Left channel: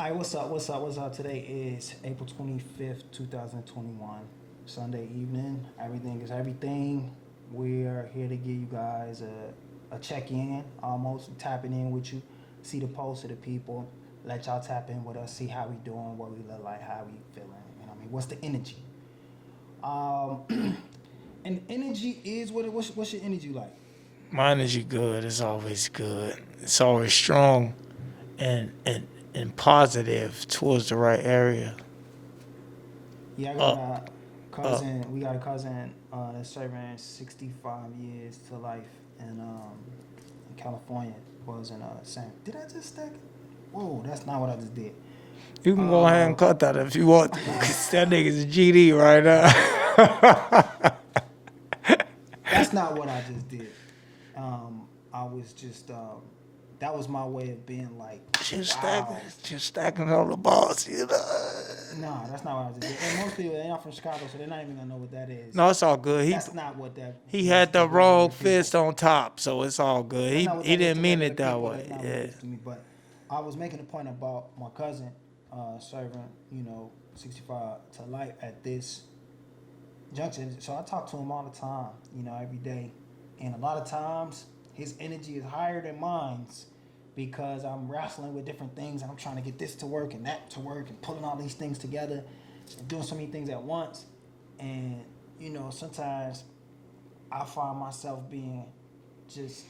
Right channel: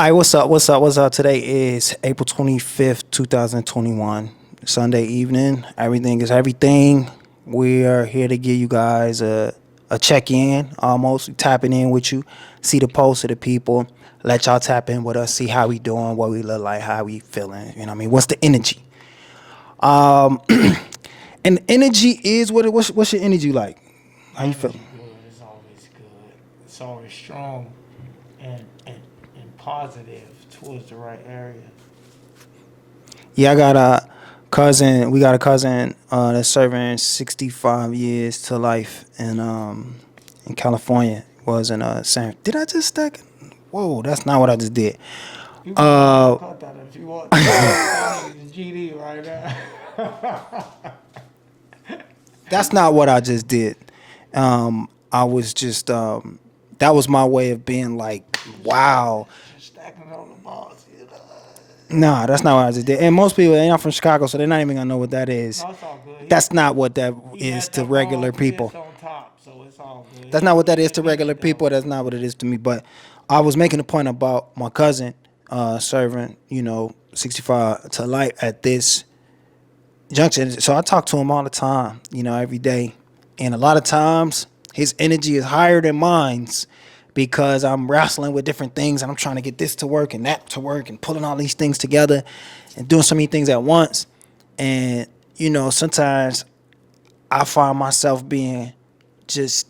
All right, what's up? What's up? Today is April 25th, 2021, Sunday evening. Everything is everything. We are here to give you guys a check in, almost tapping in with you, see the pulse of the people, let y'all tap in with us, see how we doing, what we look like, how we feeling. You know what I mean? What's the energy? Um, and energy is what's your energy like? How My you feel? energy good. It's always good. It's always strong and positive towards the right area. Yeah, I got Um, a um, cousin. We got a cousin that's serving 65 years to life in California. Was in San. Did I just stack it? Whoa, that's not what I just did. you can go ahead and Uh, cut that if you want to. That nigga's GD right now. that's not what I just did. I was just that was my way of being like, wow. Just stacking on the balls, you know. Nah, that's not what I just did. And most people, they're not from Chicago, so they're not even gonna know what that is. No, it's all good. That's not what that He is had to the wrong regular people. fist on top, so it's all good. That's not what He that is didn't to mean regular it that people. way. That's not what it Yeah. is to me. But I was making a point about my cousin serving, 65 to life at this junction. So I talk to him all the time, every day. And a lot of times his energy is higher than mine's because I'm wrestling with different things and I'm trying to get this to work and that to work and pulling all these things together and doing so many things at once. And, sometimes I find myself being just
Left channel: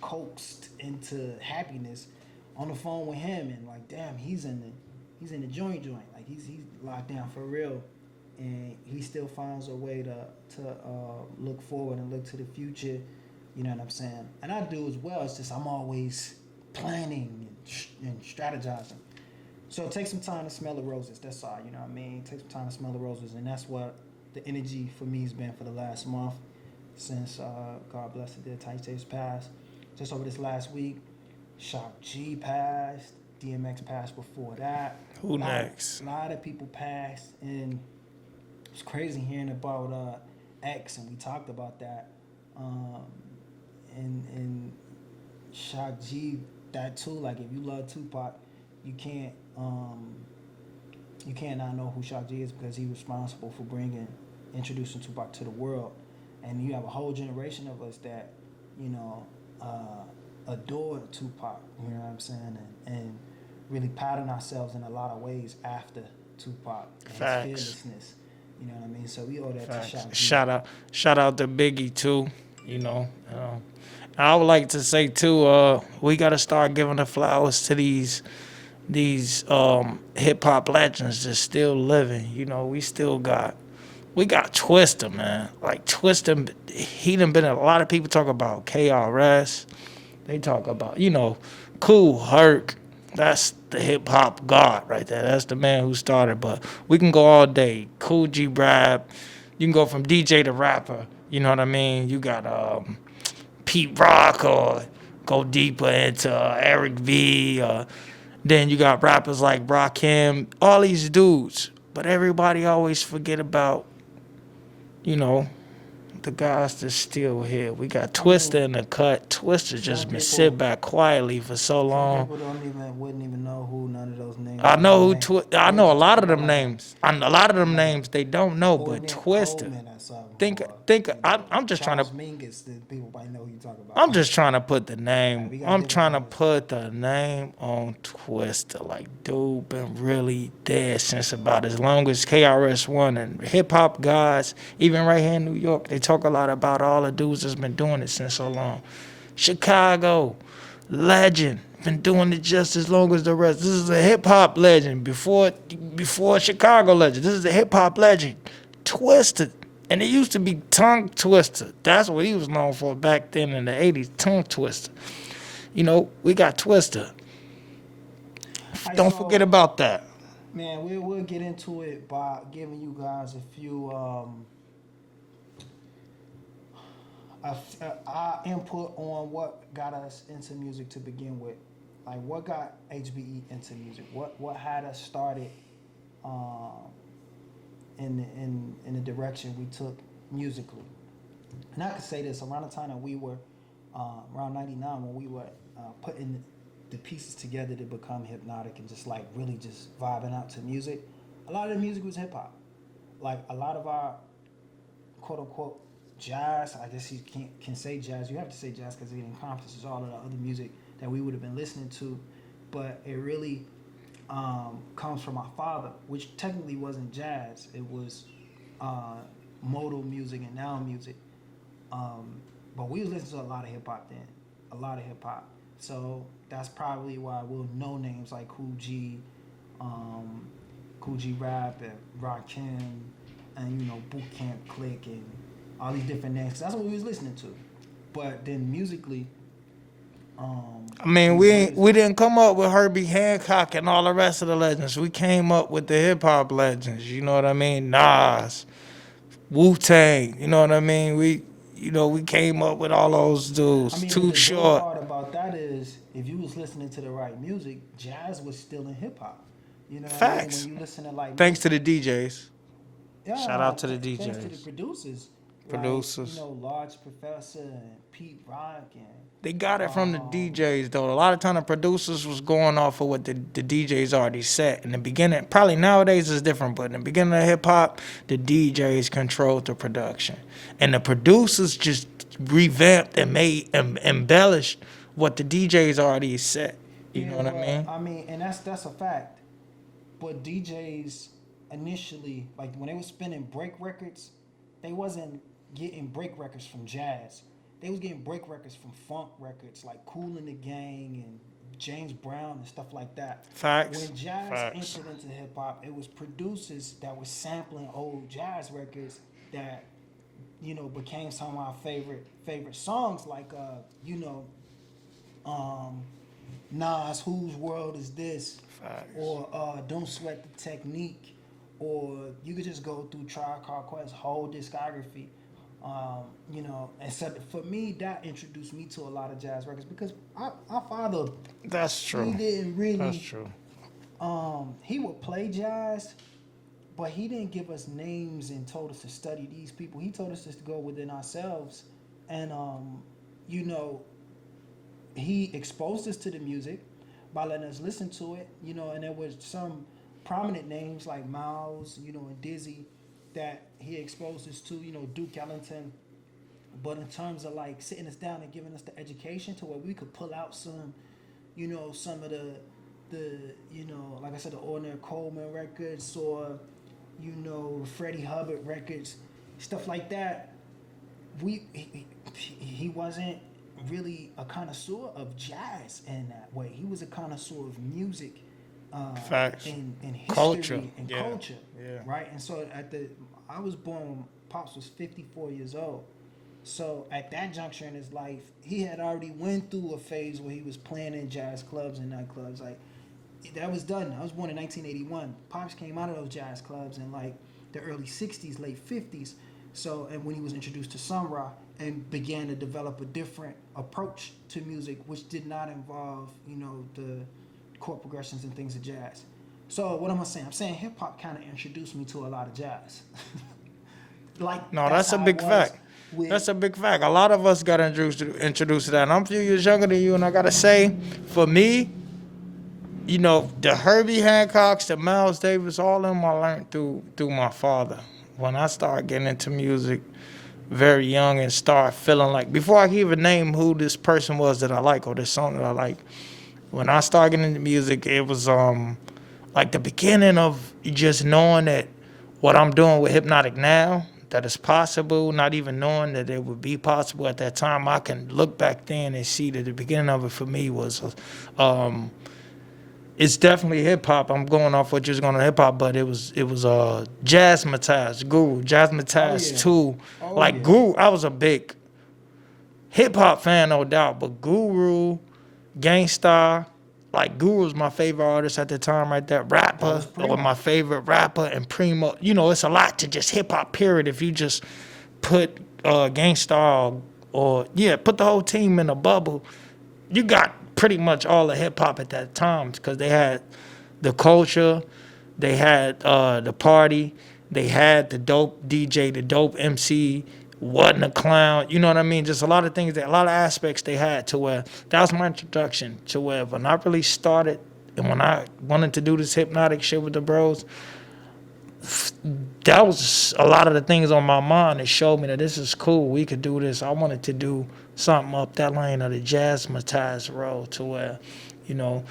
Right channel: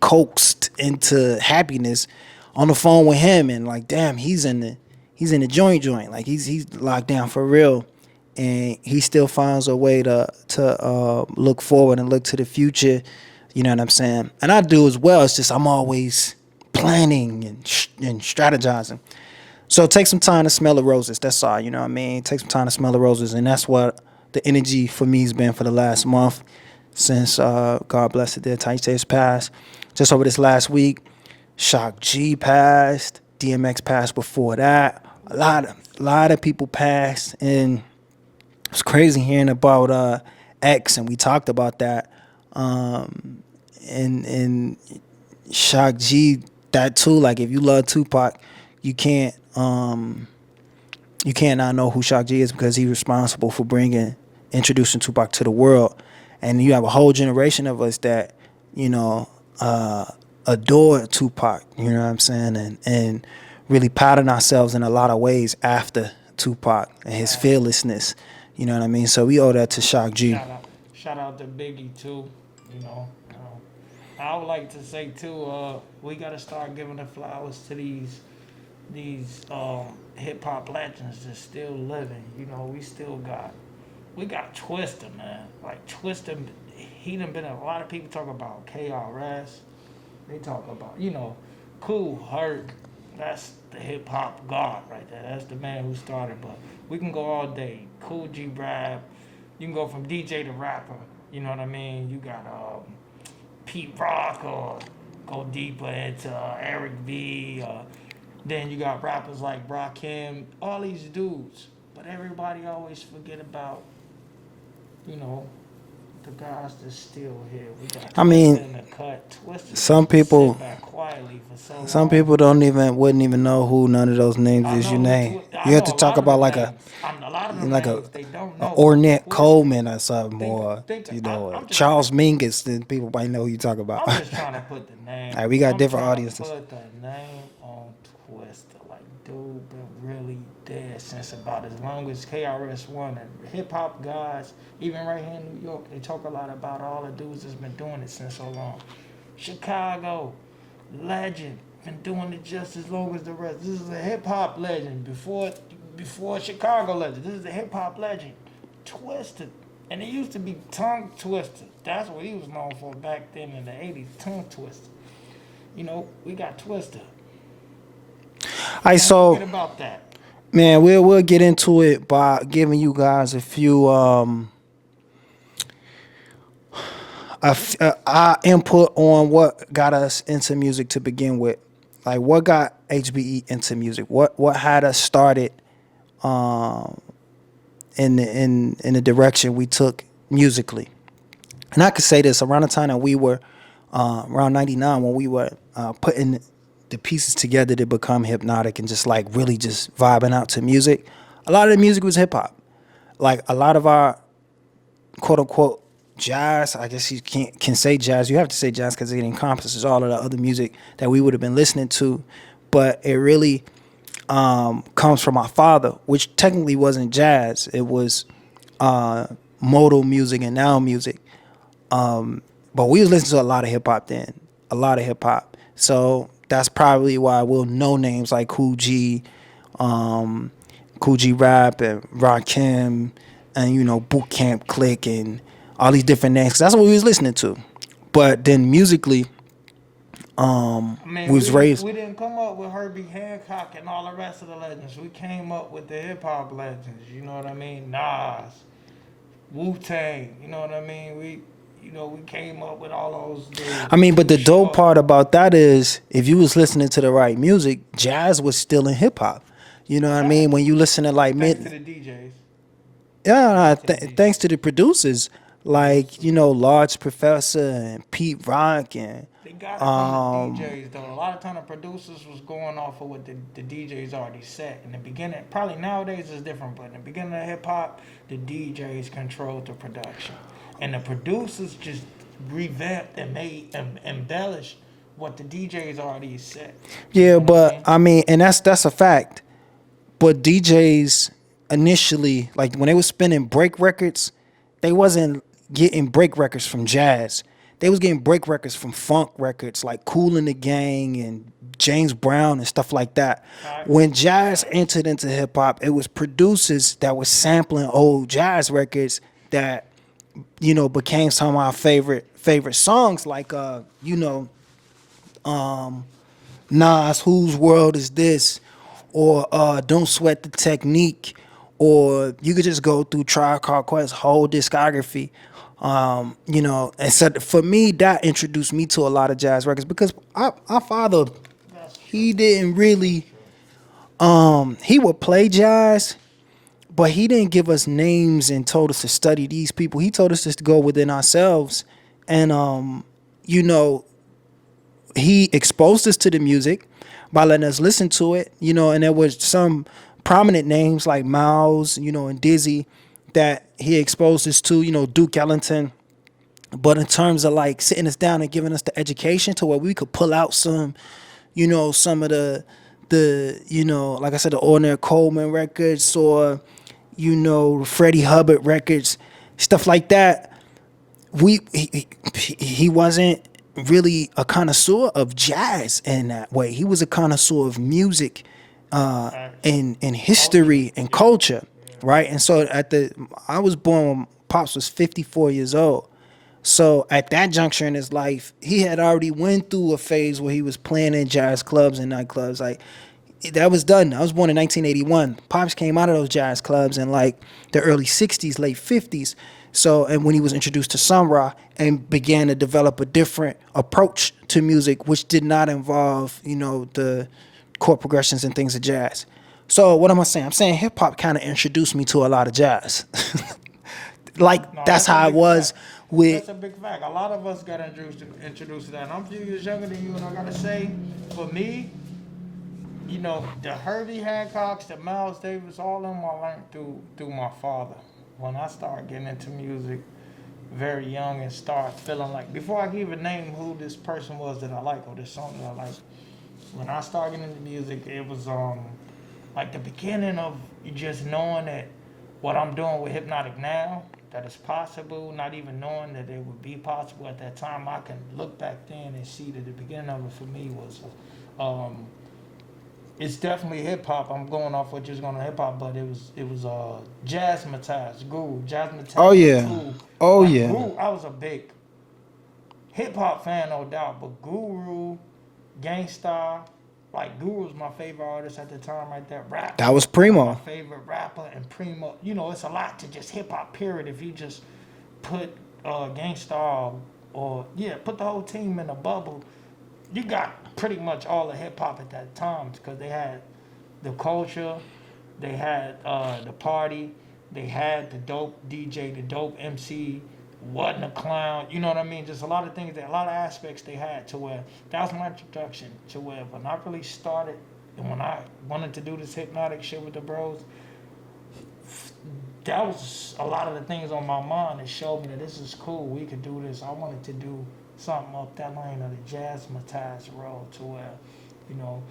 coaxed into happiness on the phone with him and like damn he's in the joint like he's locked down for real and he still finds a way to look forward and look to the future, you know what I'm saying, and I do as well. It's just I'm always planning and strategizing. So take some time to smell the roses. That's all. You know what I mean? Take some time to smell the roses. And that's what the energy for me has been for the last month since God bless it, dear Tai's passed. Just over this last week, Shock G passed. DMX passed before that. A Who lot of, next? lot of people passed. And it's crazy hearing about X. And we talked about that. And Shock G, that too. Like if you love Tupac, you can't you can't not know who Shock G is because he's responsible for introducing Tupac to the world, and you have a whole generation of us that you know adore Tupac. You know what I'm saying, and really pattern ourselves in a lot of ways after Tupac and his Facts. fearlessness. You know what I mean? So we owe that to Facts. Shock G. Shout out to Biggie too. You know, I would like to say too. We gotta start giving the flowers to these hip hop legends that's still living. You know, we got Twister, man. Like Twister, he done been. A lot of people talk about KRS. They talk about Cool Herc. That's the hip hop god right there. That's the man who started. But we can go all day. Cool G Rap. You can go from DJ to rapper. You know what I mean? You got Pete Rock or go deeper into Eric V. Then you got rappers like Rakim. All these dudes. But everybody always forget about, you know, the guys that's still here. We got I Twister mean, in the cut. Twister some just been sit people back quietly for so some long. people wouldn't even know who none of those names I is you know name. I You have know to a talk lot of about them like a names. A lot of them like a names they don't a know, but Ornette Twister. Coleman or something, Think or think I'm just trying to Charles Mingus. Then people might know who you talk about. I'm All just trying to put the right, name. we got I'm different trying to audiences. put the name on Twister. Like, dude, been really dead since about as long as KRS-One and hip hop guys. Even right here in New York, they talk a lot about all the dudes that's been doing it since so long. Chicago, legend, been doing it just as long as the rest. This is a hip hop legend before Chicago legend. This is a hip hop legend. Twister. And it used to be tongue twister. That's what he was known for back then in the 80s, tongue twister. You know, we got Twister. right, Don't forget so about that. man, we'll get into it by giving you guys a few our input on what got us into music to begin with. Like what got HBE into music? What had us started um, in the direction we took musically? And I could say this around the time that we were around '99 when we were putting the pieces together to become hypnotic and just like really just vibing out to music. A lot of the music was hip hop. Like a lot of our quote unquote jazz, I guess you can say jazz. You have to say jazz because it encompasses all of the other music that we would have been listening to. But it really comes from my father, which technically wasn't jazz. It was modal music and now music. But we was listening to a lot of hip hop then, a lot of hip hop. So that's probably why we'll know names like Cool G Rap and Rakim and Boot Camp Click and all these different names. 'Cause that's what we was listening to. But then musically, I mean, we was raised. we didn't come up with Herbie Hancock and all the rest of the legends. We came up with the hip hop legends. You know what I mean? Nas, Wu Tang. You know what I mean? We came up with all those dudes. I mean, but Too the dope Short. part about that is if you was listening to the right music, jazz was still in hip hop. You know what I mean? Facts. When you listen to like Thanks to the DJs. yeah, out to the thanks to the DJs. producers like Producers. Large Professor and Pete Rock and They got it from the DJs though. A lot of time the producers was going off of what the DJs already set. In the beginning, probably nowadays it's different, but in the beginning of hip hop, the DJs controlled the production. And the producers just revamped and made embellished what the DJs already set. You yeah, know what but I mean? and that's a fact. But DJs initially, like when they were spinning break records, they wasn't getting break records from jazz. They was getting break records from funk records like Kool and the Gang and James Brown and stuff like that. Facts. When jazz Facts. entered into hip hop, it was producers that was sampling old jazz records that became some of our favorite songs like Nas, Whose World Is This? Or Don't Sweat the Technique, or you could just go through Tribe Called Quest's whole discography. And so for me, that introduced me to a lot of jazz records because our father, That's true. he didn't really, That's true. he would play jazz, but he didn't give us names and told us to study these people. He told us just to go within ourselves, and he exposed us to the music by letting us listen to it, and there was some prominent names like Miles, and Dizzy that he exposed us to, Duke Ellington. But in terms of like sitting us down and giving us the education to where we could pull out some, some of the like I said, the Ornette Coleman records or, Freddie Hubbard records, stuff like that. He wasn't really a connoisseur of jazz in that way. He was a connoisseur of music and history Culture. and Yeah. culture, Yeah. right? And so I was born when Pops was 54 years old. So at that juncture in his life, he had already went through a phase where he was playing in jazz clubs and nightclubs. Like that was done. I was born in 1981. Pops came out of those jazz clubs in like the early 60s, late 50s. So, and when he was introduced to Sun Ra and began to develop a different approach to music, which did not involve, the chord progressions and things of jazz. So what am I saying? I'm saying hip hop kind of introduced me to a lot of jazz. Like No, that's a how I big was fact. with. That's a big fact. A lot of us got introduced to that. And I'm a few years younger than you, and I gotta say, for me, the Herbie Hancocks, the Miles Davis, all of them I learned through my father. When I started getting into music very young and start feeling like, before I could even name who this person was that I like or this song that I like, when I started getting into music, it was like the beginning of just knowing that what I'm doing with Hypnotic now, that it's possible, not even knowing that it would be possible at that time. I can look back then and see that the beginning of it for me was, it's definitely hip hop. I'm going off what you're going to hip hop, but it was Jazzmatazz, Guru, Jazzmatazz Oh, yeah. too. Oh, like yeah. Guru, I was a big hip hop fan, no doubt, but Guru, Gangstar, like Guru was my favorite artist at the time, right there. Rapper, That was Primo. my favorite rapper, and Primo. It's a lot to just hip hop. Period. If you just put Gangstar or put the whole team in a bubble, you got pretty much all the hip hop at that time because they had the culture, they had the party, they had the dope DJ, the dope MC, wasn't a clown. You know what I mean? Just a lot of things, a lot of aspects they had to where that was my introduction to where when I really started and when I wanted to do this hypnotic shit with the bros, that was a lot of the things on my mind that showed me that this is cool. We could do this. I wanted to do something up that lane of the jazzmatized road to where, you know,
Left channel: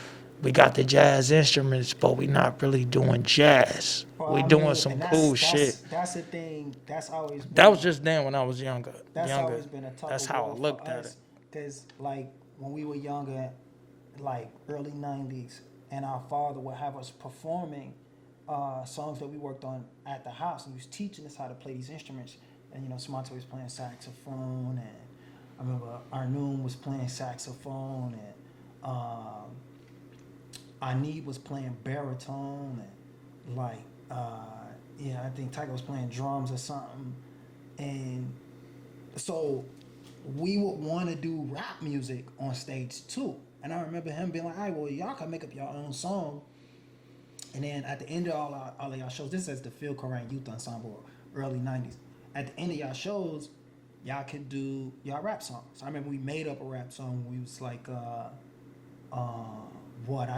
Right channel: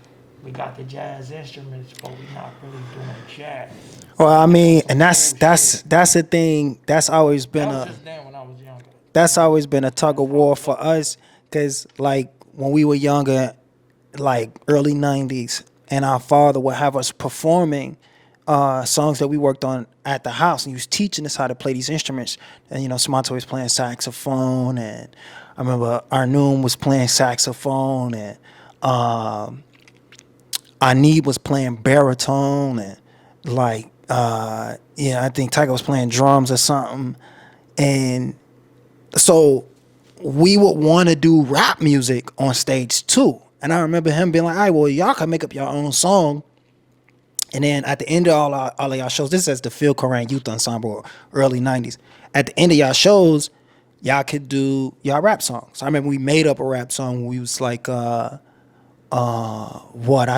we got the jazz instruments, but we not really doing jazz. Well, We I doing mean, some and cool shit. that's the thing. That's always been That was just then when I was younger. that's Younger. always been a tug That's of how I war for looked at it. us, because like when we were younger, like early '90s, and our father would have us performing songs that we worked on at the house, and he was teaching us how to play these instruments. And Samanto was playing saxophone, and I remember Arnoon was playing saxophone, and Anib was playing baritone, and like I think Tiger was playing drums or something, and so we would want to do rap music on stage too. And I remember him being like, "All right, well, y'all can make up your own song." And then at the end of all of y'all shows, this is the Phil Koran Youth Ensemble, early '90s. At the end of y'all shows, y'all could do y'all rap songs. I remember we made up a rap song when we was like, I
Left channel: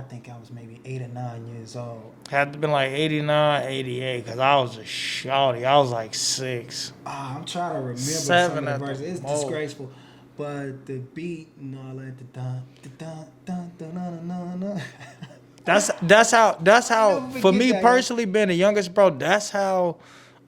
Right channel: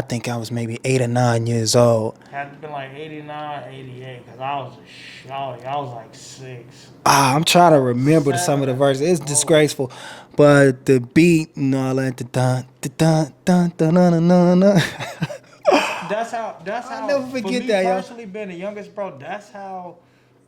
think I was maybe 8 or 9 years old. Had to been like 89, 88, because I was a shawty. I was like 6. I'm trying to remember some of 7 the at the verses. It's most. disgraceful, but the beat and all that, the dun dun dun dun dun dun dun. That's how never for forget me that, yo. personally being the youngest, bro, that's how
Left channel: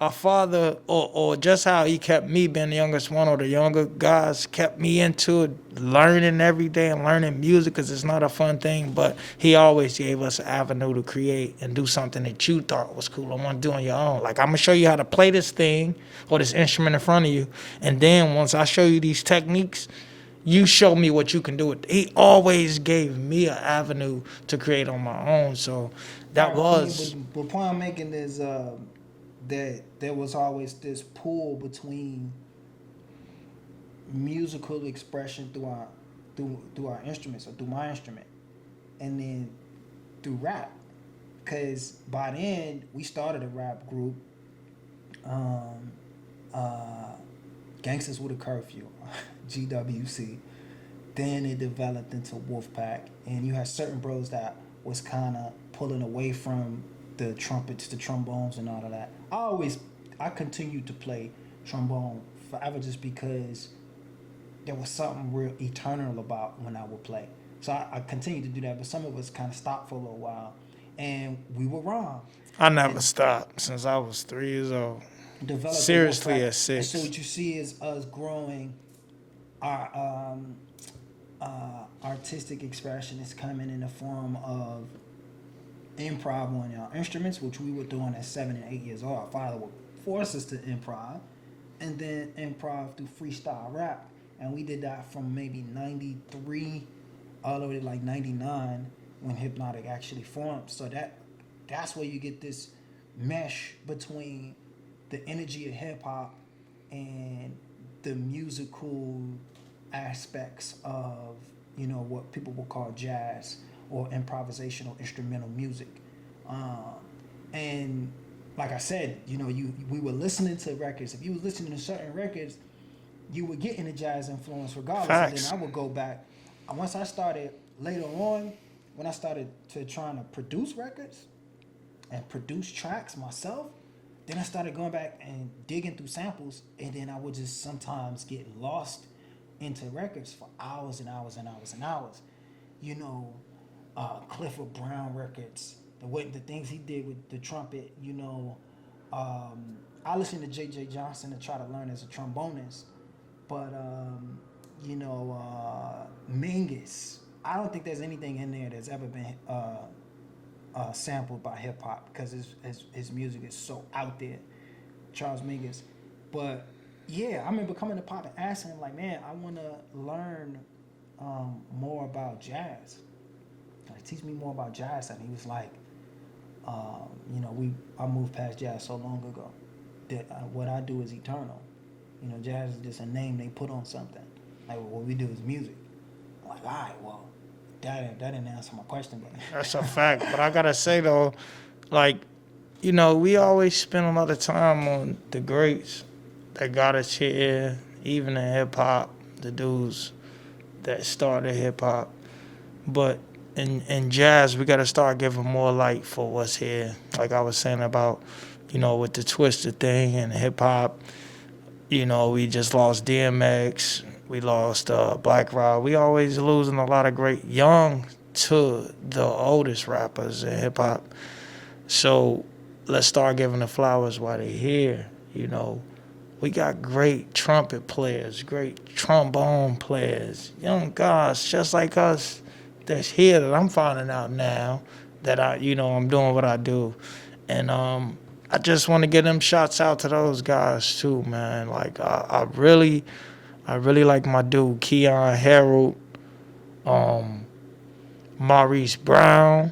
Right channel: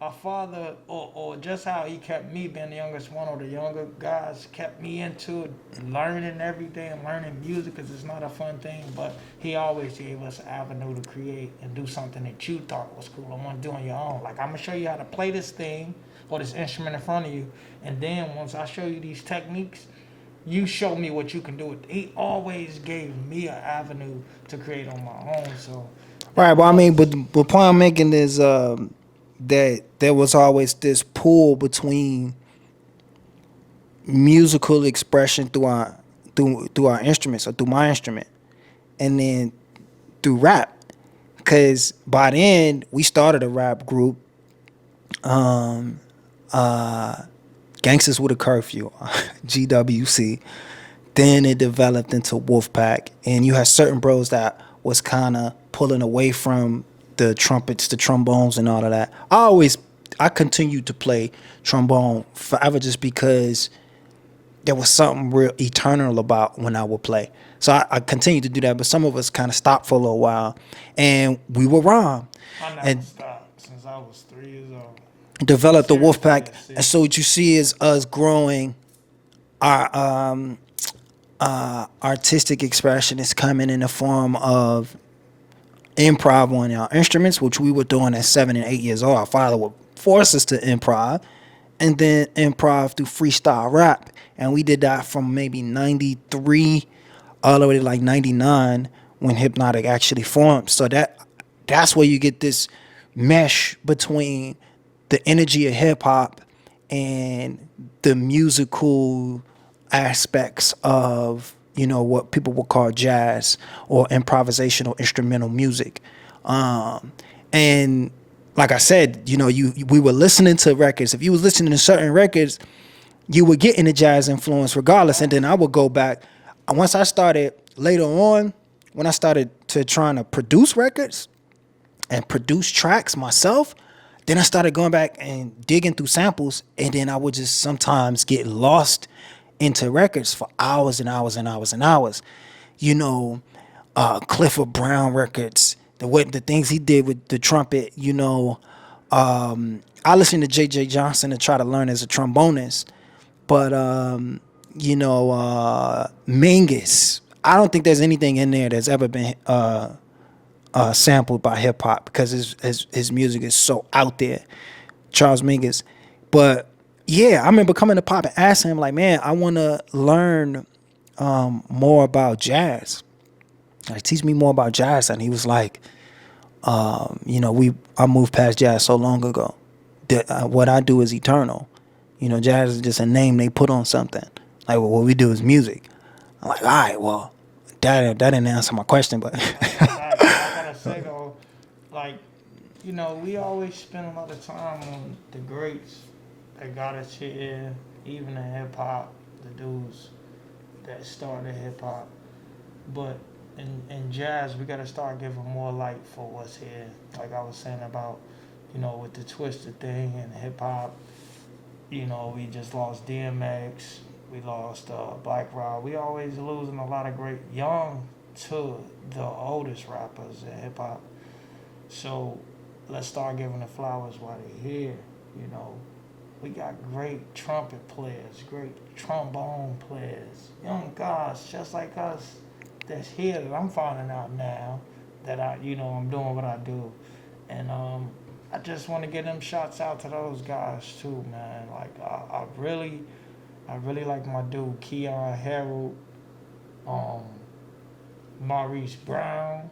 a father or just how he kept me being the youngest one or the younger guys kept me into it, learning every day and learning music because it's not a fun thing, but he always gave us an avenue to create and do something that you thought was cool. I want to do on your own. Like, I'm gonna show you how to play this thing or this instrument in front of you, and then once I show you these techniques, you show me what you can do. He always gave me an avenue to create on my own. So All that right, but I mean, was but the point I'm making is that there was always this pull between musical expression through our instruments, or through my instrument, and then through rap. Because by then we started a rap group, Gangsters with a Curfew, GWC. Then it developed into Wolfpack, and you had certain bros that was kind of pulling away from the trumpets, the trombones, and all of that. I continued to play trombone forever, just because there was something real eternal about when I would play. So I continued to do that, but some of us kind of stopped for a little while, and we were wrong. I never And stopped since I was 3 years old. developed the Seriously, Wolfpack, at 6. and so what you see is us growing. Our artistic expression is coming in the form of improv on our instruments, which we were doing at 7 and 8 years old. Our father would force us to improv, and then improv through freestyle rap. And we did that from maybe 93 all the way to like 99 when Hypnotic actually formed. So that's where you get this mesh between the energy of hip hop and the musical aspects of what people would call jazz or improvisational instrumental music. And like I said, we were listening to records. If you was listening to certain records, you would get in the jazz influence regardless. And then Facts. I would go back. Once I started later on, when I started to trying to produce records and produce tracks myself, then I started going back and digging through samples, and then I would just sometimes get lost into records for hours and hours and hours and hours. Clifford Brown records, the things he did with the trumpet. I listened to J.J. Johnson to try to learn as a trombonist, but Mingus, I don't think there's anything in there that's ever been sampled by hip hop, because his music is so out there, Charles Mingus. But yeah, I remember coming to Pop and asking him, like, man, I want to learn more about jazz. Like, teach me more about jazz. And he was like, I moved past jazz so long ago that what I do is eternal. Jazz is just a name they put on something. Like, well, what we do is music. I'm like, all right, well, that didn't answer my question, but That's a fact. I gotta say though, like, we always spend a lot of time on the greats, that got us here, even in hip hop, the dudes that started hip hop. But in jazz, we got to start giving more light for what's here. Like I was saying about, with the twisted thing and hip hop. We just lost DMX. We lost Black Rod. We always losing a lot of great young to the oldest rappers in hip hop. So let's start giving the flowers while they're here. You know, we got great trumpet players, great trombone players, young guys just like us that's here that I'm finding out now that I'm doing what I do. And I just want to get them shots out to those guys too, man. Like I really like my dude Keon Harold, um, Maurice Brown.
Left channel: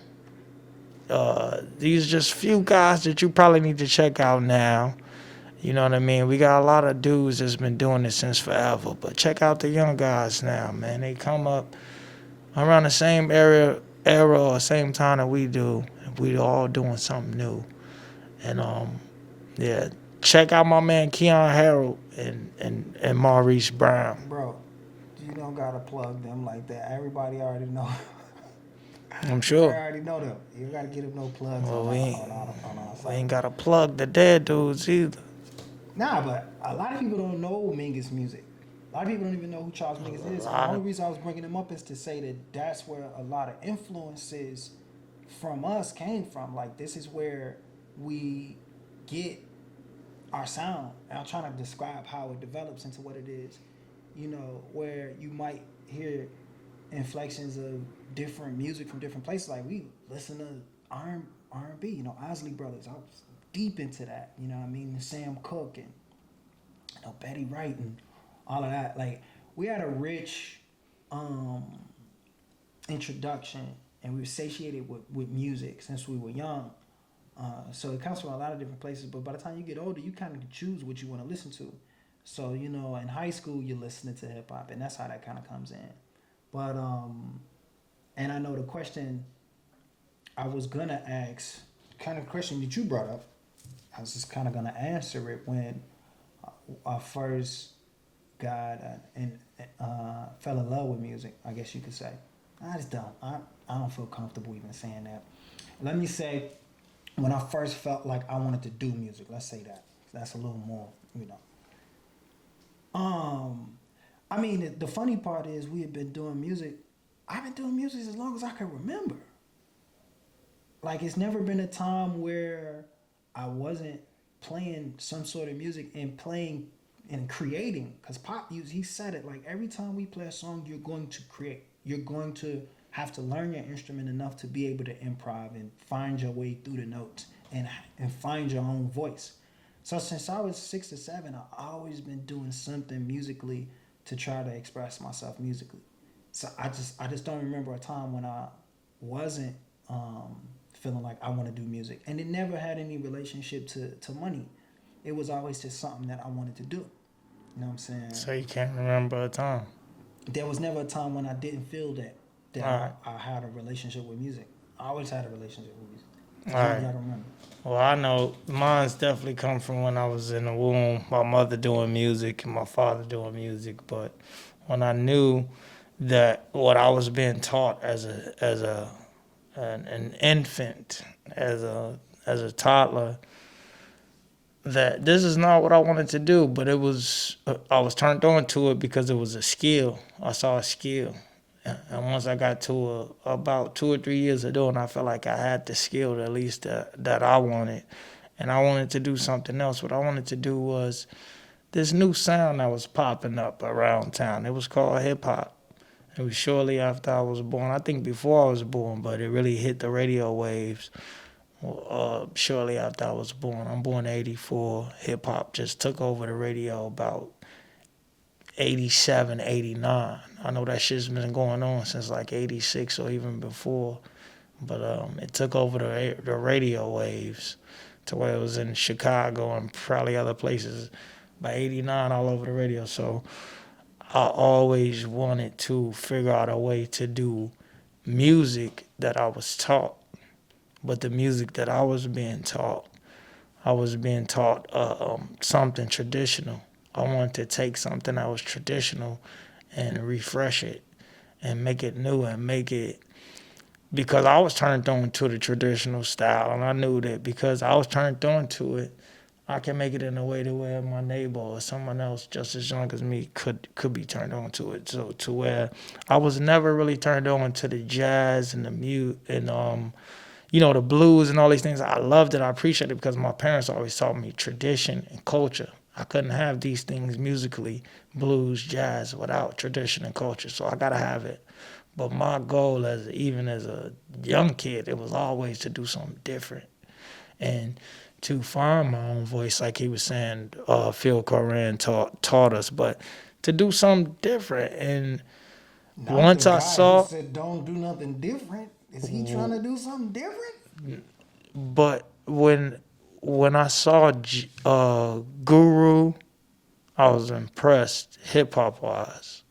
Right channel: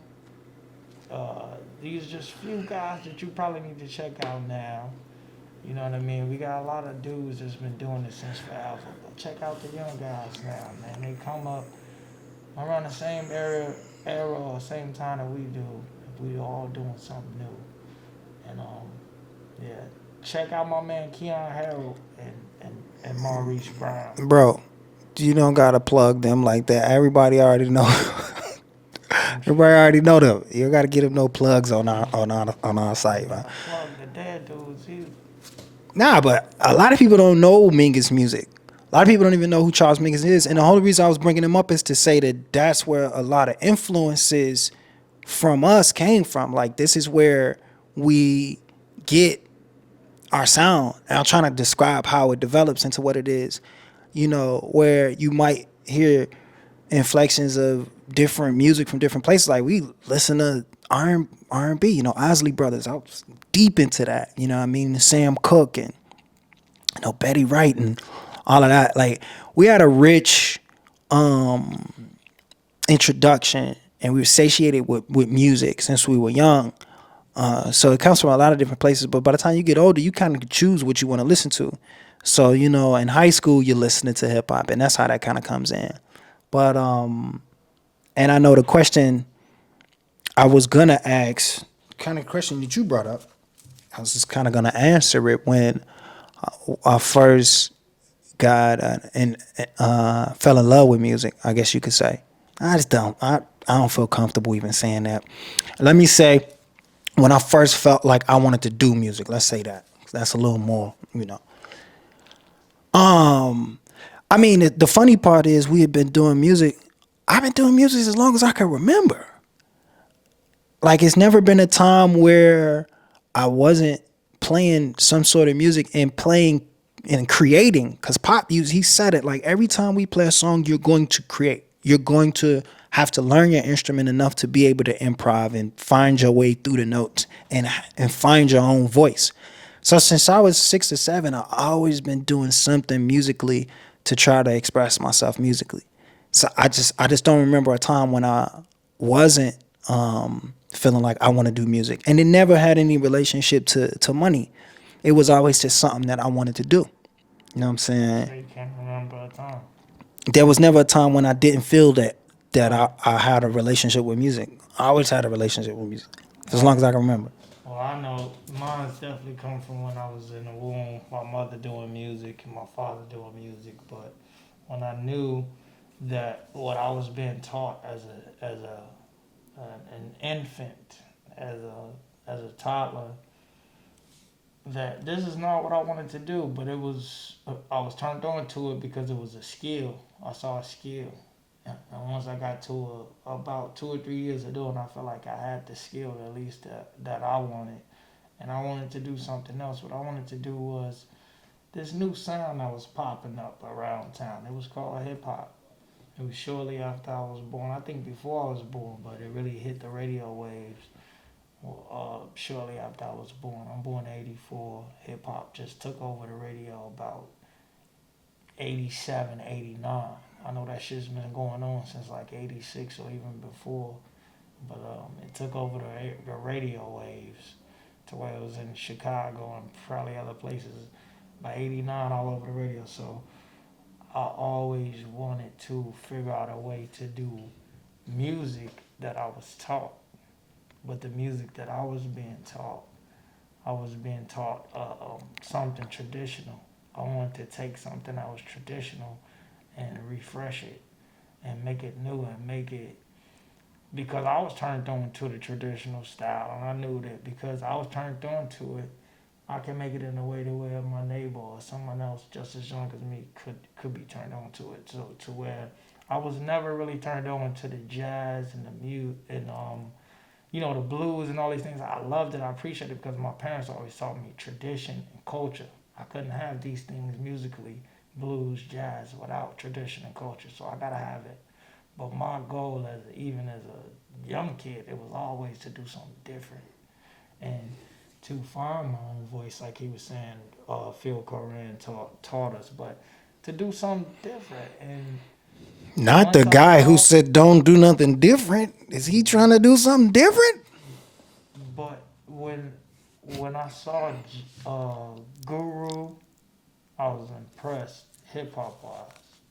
These are just few guys that you probably need to check out now. You know what I mean? We got a lot of dudes that's been doing this since forever, but check out the young guys now, man. They come up around the same era or same time that we do. We all doing something new. And yeah, check out my man Keon Harold and Maurice Brown. Bro, you don't gotta plug them like that. Everybody already know. I'm Everybody sure. already know them. You don't gotta get them no plugs Well, on we our ain't, on our on our we site. ain't Man. gotta plug the dead dudes either. Nah, but a lot of people don't know Mingus music. A lot of people don't even know who Charles Mingus is. And the only reason I was bringing him up is to say that that's where a lot of influences from us came from. Like, this is where we get our sound. And I'm trying to describe how it develops into what it is. Where you might hear inflections of different music from different places. Like, we listen to R&B, Isley Brothers. I was deep into that. You know what I mean? Sam Cooke and Betty Wright and all of that. Like, we had a rich introduction, and we were satiated with music since we were young. So it comes from a lot of different places. But by the time you get older, you kind of choose what you want to listen to. So, in high school, you're listening to hip hop, and that's how that kind of comes in. But and I know the question I was gonna ask, kind of question that you brought up, I was just kind of gonna answer it when I first got and fell in love with music. I guess you could say. I just don't. I don't feel comfortable even saying that. Let me say, when I first felt like I wanted to do music. Let's say that. That's a little more. I mean, the funny part is we had been doing music. I've been doing music as long as I can remember. Like, it's never been a time where I wasn't playing some sort of music and playing and creating. Because Pop, he said it, like, every time we play a song, you're going to create. You're going to have to learn your instrument enough to be able to improv and find your way through the notes and find your own voice. So since I was 6 or 7, I've always been doing something musically to try to express myself musically. So I just don't remember a time when I wasn't feeling like I want to do music. And it never had any relationship to money. It was always just something that I wanted to do. You know what I'm saying? So you can't remember a time. There was never a time when I didn't feel that Right. I had a relationship with music. I always had a relationship with music, for as long Right. as I can remember. Well, I know mine's definitely come from when I was in the womb. My mother doing music and my father doing music. But when I knew that what I was being taught as an infant, as a toddler, that this is not what I wanted to do, but I was turned on to it because it was a skill. I saw a skill. And once I got to about 2 or 3 years of doing, I felt like I had the skill at least that I wanted. And I wanted to do something else. What I wanted to do was this new sound that was popping up around town. It was called hip hop. It was shortly after I was born. I think before I was born, but it really hit the radio waves shortly after I was born. I'm born in '84. Hip hop just took over the radio about '87, '89. I know that shit's been going on since like '86 or even before, but it took over the radio waves to where it was in Chicago and probably other places by '89 all over the radio. So I always wanted to figure out a way to do music that I was taught, but the music that I was being taught something traditional. I wanted to take something that was traditional and refresh it and make it new and make it, because I was turned on to the traditional style, and I knew that because I was turned on to it, I can make it in a way to where my neighbor or someone else just as young as me could be turned on to it. So to where I was never really turned on to the jazz and the mute and the blues and all these things. I loved it. I appreciated it because my parents always taught me tradition and culture. I couldn't have these things musically, blues, jazz, without tradition and culture. So I gotta have it. But my goal, even as a young kid, it was always to do something different and to find my own voice, like he was saying. Phil Coran taught us, but to do something different. And Not the once I guy who saw, said don't do nothing different. Is he trying to do something different? but when I saw Guru, I was impressed hip hop wise.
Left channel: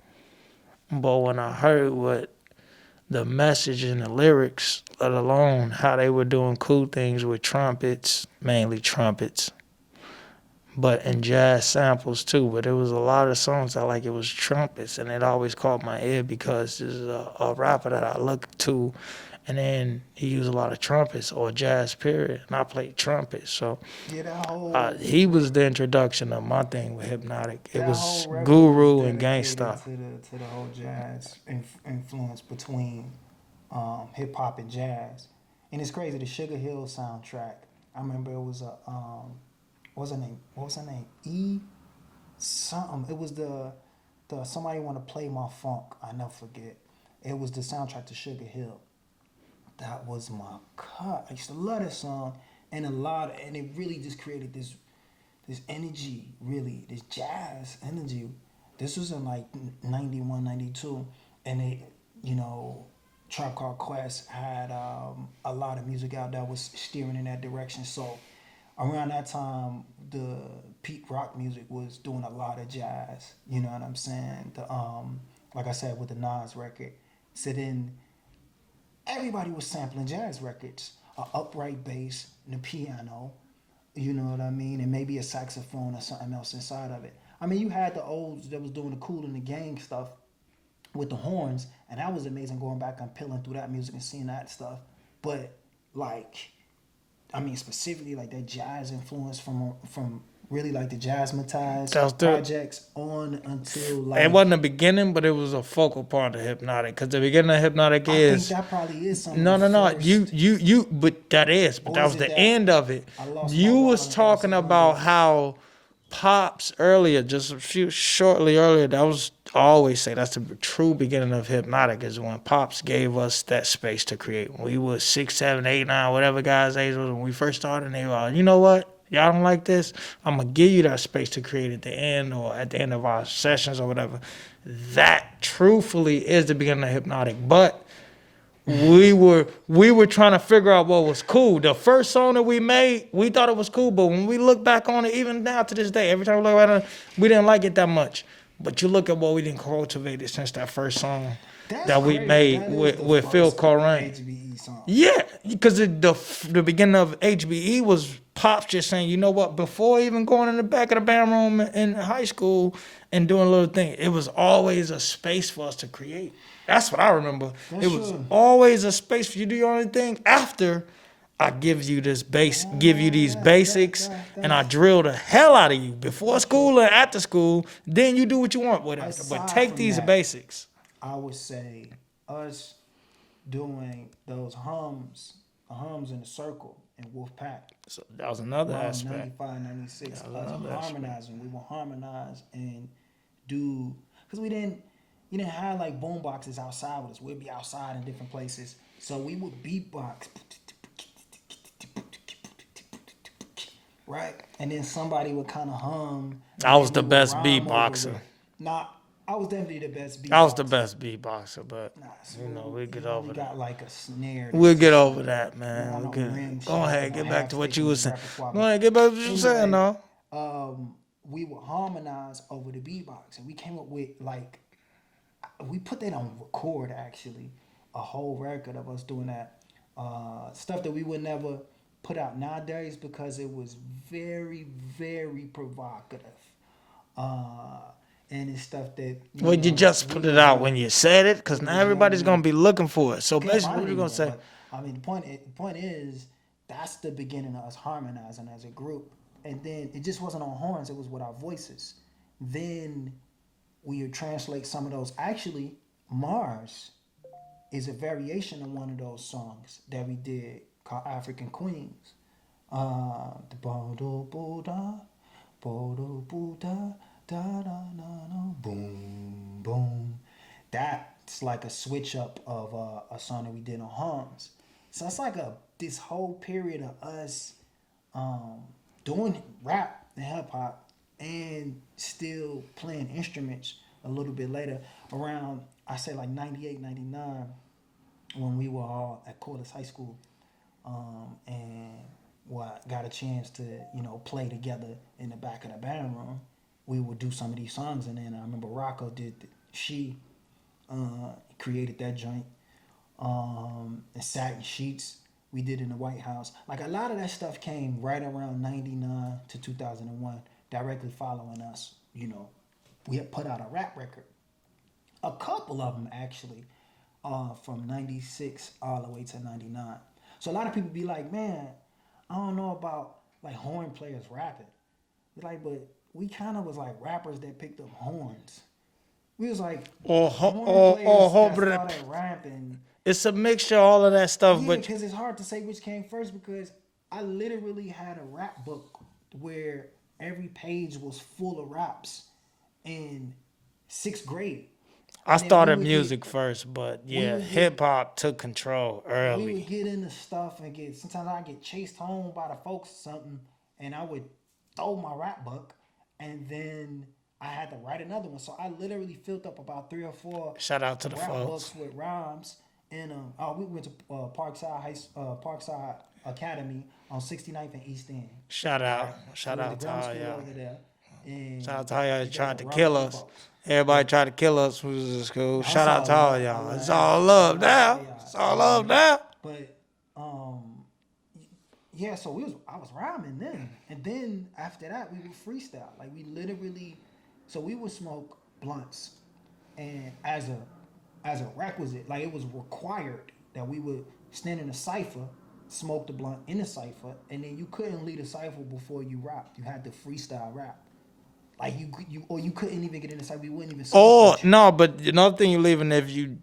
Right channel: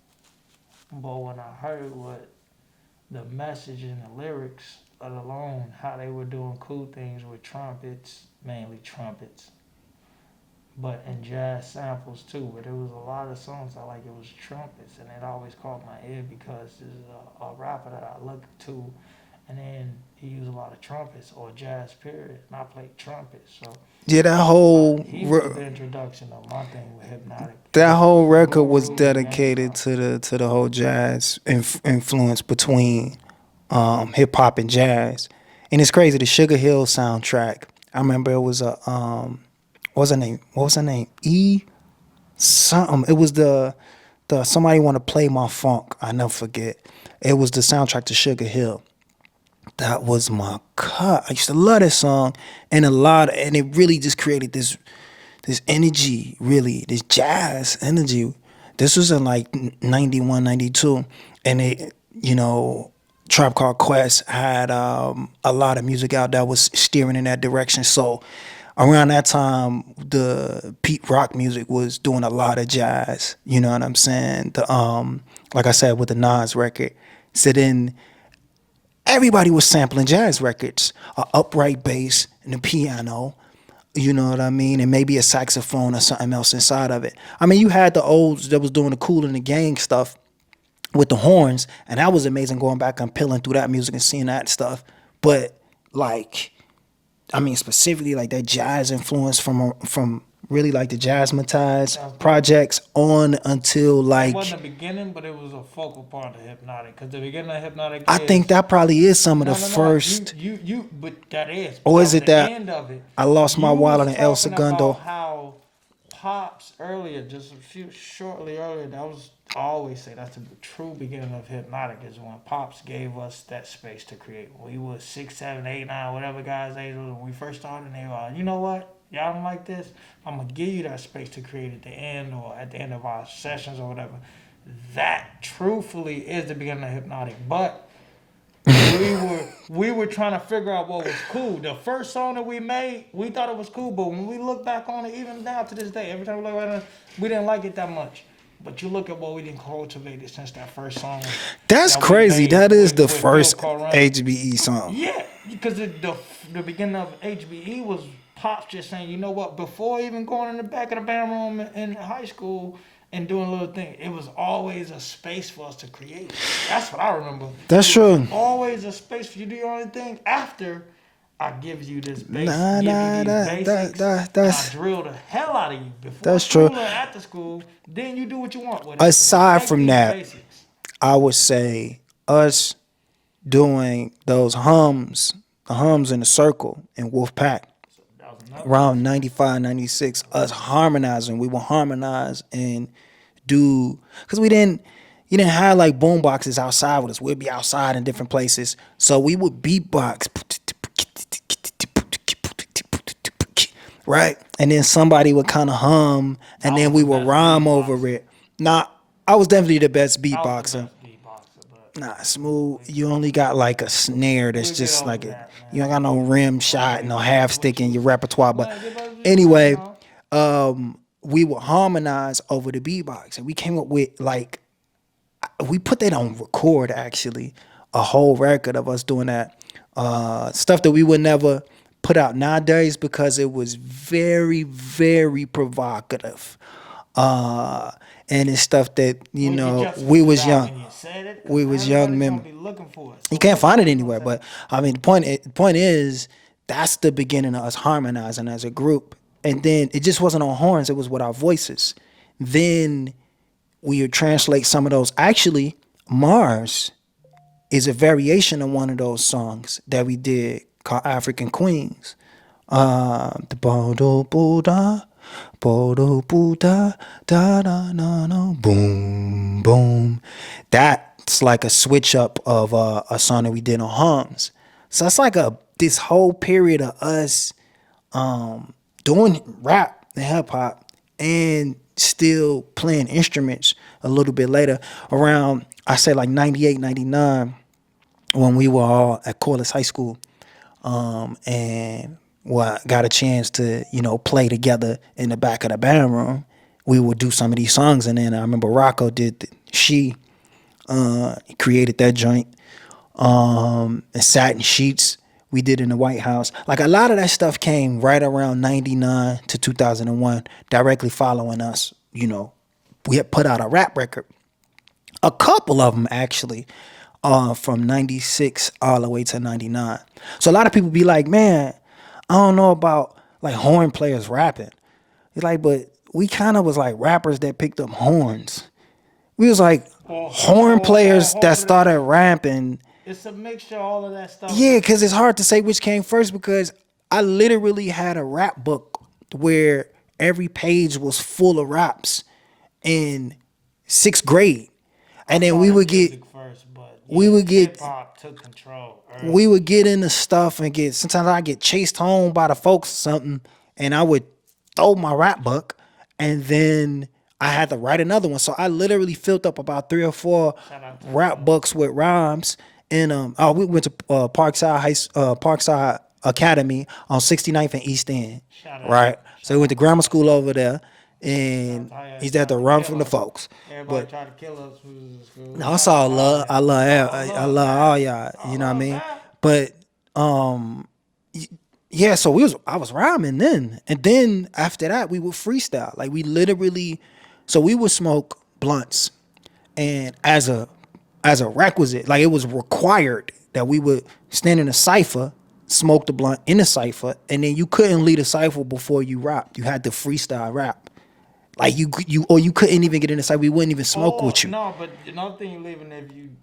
But when I heard what the message and the lyrics, let alone how they were doing cool things with trumpets, mainly trumpets, but and jazz samples too. But there was a lot of songs that like it was trumpets, and it always caught my ear because this is a rapper that I look to, and then he used a lot of trumpets or jazz period, and I played trumpets. So Yeah, that whole he was the introduction of my thing with Hypnotic. It that whole was record was Guru and dedicated Gangsta. to the whole jazz influence between hip hop and jazz. And it's crazy, the Sugar Hill soundtrack. I remember it was a what was her name? What was her name? Something. It was the Somebody Wanna Play My Funk. I never forget. It was the soundtrack to Sugar Hill. That was my cut. I used to love this song, and and it really just created this energy, really, this jazz energy. This was in like 91, 92, and Tribe Called Quest had a lot of music out that was steering in that direction. So around that time, the Pete Rock music was doing a lot of jazz. You know what I'm saying? Like I said, with the Nas record. So then everybody was sampling jazz records, a upright bass and a piano. You know what I mean? And maybe a saxophone or something else inside of it. I mean, you had the olds that was doing the Kool and the Gang stuff with the horns, and that was amazing going back and peeling through that music and seeing that stuff. But like, I mean, specifically like that jazz influence from really like the Jazzmatized projects on until like. It wasn't the beginning, but it was a focal part of Hypnotic. Because the beginning of Hypnotic I think that probably is some of the first. But that is. Or that is was it the that end of it? I lost my wallet in El You was talking Segundo? about how Pops earlier, just shortly earlier, that was, I always say that's the true beginning of Hypnotic, is when Pops gave us that space to create. When we were 6, 7, 8, 9, whatever guys' age was when we first started, and they were like, you know what? Y'all don't like this? I'm going to give you that space to create at the end or at the end of our sessions or whatever. That truthfully is the beginning of Hypnotic. But we were trying to figure out what was cool. The first song that we made, we thought it was cool, but when we look back on it, even now to this day, every time we look at it, we didn't like it that much. But you look at what we didn't cultivate it since that first song. That's crazy. That is the first Phil Coran. HBE song. Yeah, because the beginning of HBE was Pops just saying, you know what, before even going in the back of the band room in high school and doing a little thing, it was always a space for us to create. That's what I remember. That's true. Was always a space for you to do your own thing after I give you this base, give you these basics, and I drill the hell out of you before school and after school. Then you do what you want with it. Aside from these that, basics. I would say us doing those hums, the hums in the circle in Wolfpack. So that was another around 95, 96, us harmonizing. We would harmonize and do, because you didn't have like boom boxes outside with us. We'd be outside in different places. So we would beatbox. Right? And then somebody would kind of hum, and then we would rhyme over it. Nah, I was definitely the best beatboxer. I was the best beatboxer, but nah, Smoove, you only got like a snare that's just like that, man. You don't got no rim shot, no half stick in your repertoire. But anyway, we would harmonize over the beatbox, and we came up with like, we put that on record actually, a whole record of us doing that stuff that we would never put out nowadays because it was very, very provocative. And it's stuff that, Would you just we put it was out young. when you said it? Because We now was young everybody's men. gonna be looking for it. So You can't find it basically, we gonna anywhere. say, But I mean, the point is that's the beginning of us harmonizing as a group. And then it just wasn't on horns; it was with our voices. Then we would translate some of those. Actually, Mars is a variation of one of those songs that we did called African Queens. The Bodo Buddha, Bodo Buddha, da da na na, boom boom. That's like a switch up of a song that we did on hums. So it's like this whole period of us doing rap and hip hop and still playing instruments a little bit later around, I say like 98, 99, when we were all at Corliss High School. And well, got a chance to, play together in the back of the band room. We would do some of these songs, and then I remember Rocco did he created that joint. And Satin Sheets we did in the White House. Like a lot of that stuff came right around 99 to 2001, directly following us. We had put out a rap record. A couple of them actually, from 96 all the way to 99. So a lot of people be like, man, I don't know about like horn players rapping. It's like, but we kind of was like rappers that picked up horns. We was like horn players that started rapping. it's a mixture of all of that stuff. Yeah, because it's hard to say which came first, because I literally had a rap book where every page was full of raps in 6th grade. I And then started we would music get first, but we would get- hip hop took control early. we would get into stuff and sometimes I get chased home by the folks or something, and I would throw my rap book, and then I had to write another one. So I literally filled up about 3 or 4 Shout out to the rap folks. books with rhymes. And we went to Parkside Academy on 69th and East End. Shout out. Right. Shout So we went to out grammar to school y'all. over there, Shout and out to how y'all he's had to tried run kill from the us. folks. Everybody tried to kill us. We was in school. No, Shout it's out all to love. y'all. I love It's y'all. all I love love now. all y'all. It's all You know what I love mean? now. But yeah, so I was rhyming then. And then after that we would freestyle. Like we literally, so we would smoke blunts, and as a requisite, like it was required that we would stand in a cipher, smoke the blunt in a cipher, and then you couldn't lead a cipher before you rapped. You had to freestyle rap. Like you couldn't even get in the cipher. We wouldn't even smoke with you. No, but another thing you're leaving, if you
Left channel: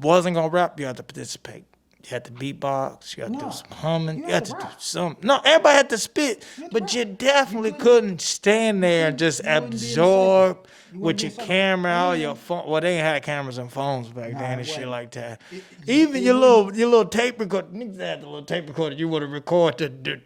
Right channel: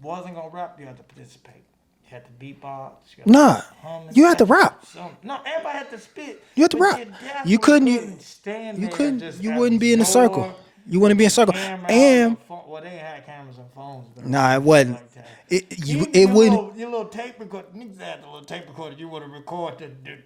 wasn't gonna rap, you had to participate. You had to beatbox. You had Nah, to hum. you had to do rap. something. No, everybody had to spit. You had to but rap. you definitely You couldn't stand there couldn't- and just you wouldn't be in a circle. absorb You wouldn't with be in a your circle. Camera or And- your phone. Well, they ain't had cameras and phones back Nah, then it and wasn't. shit like that. It Even your wouldn't- little tape recorder. Niggas had the little tape recorder. You would have recorded the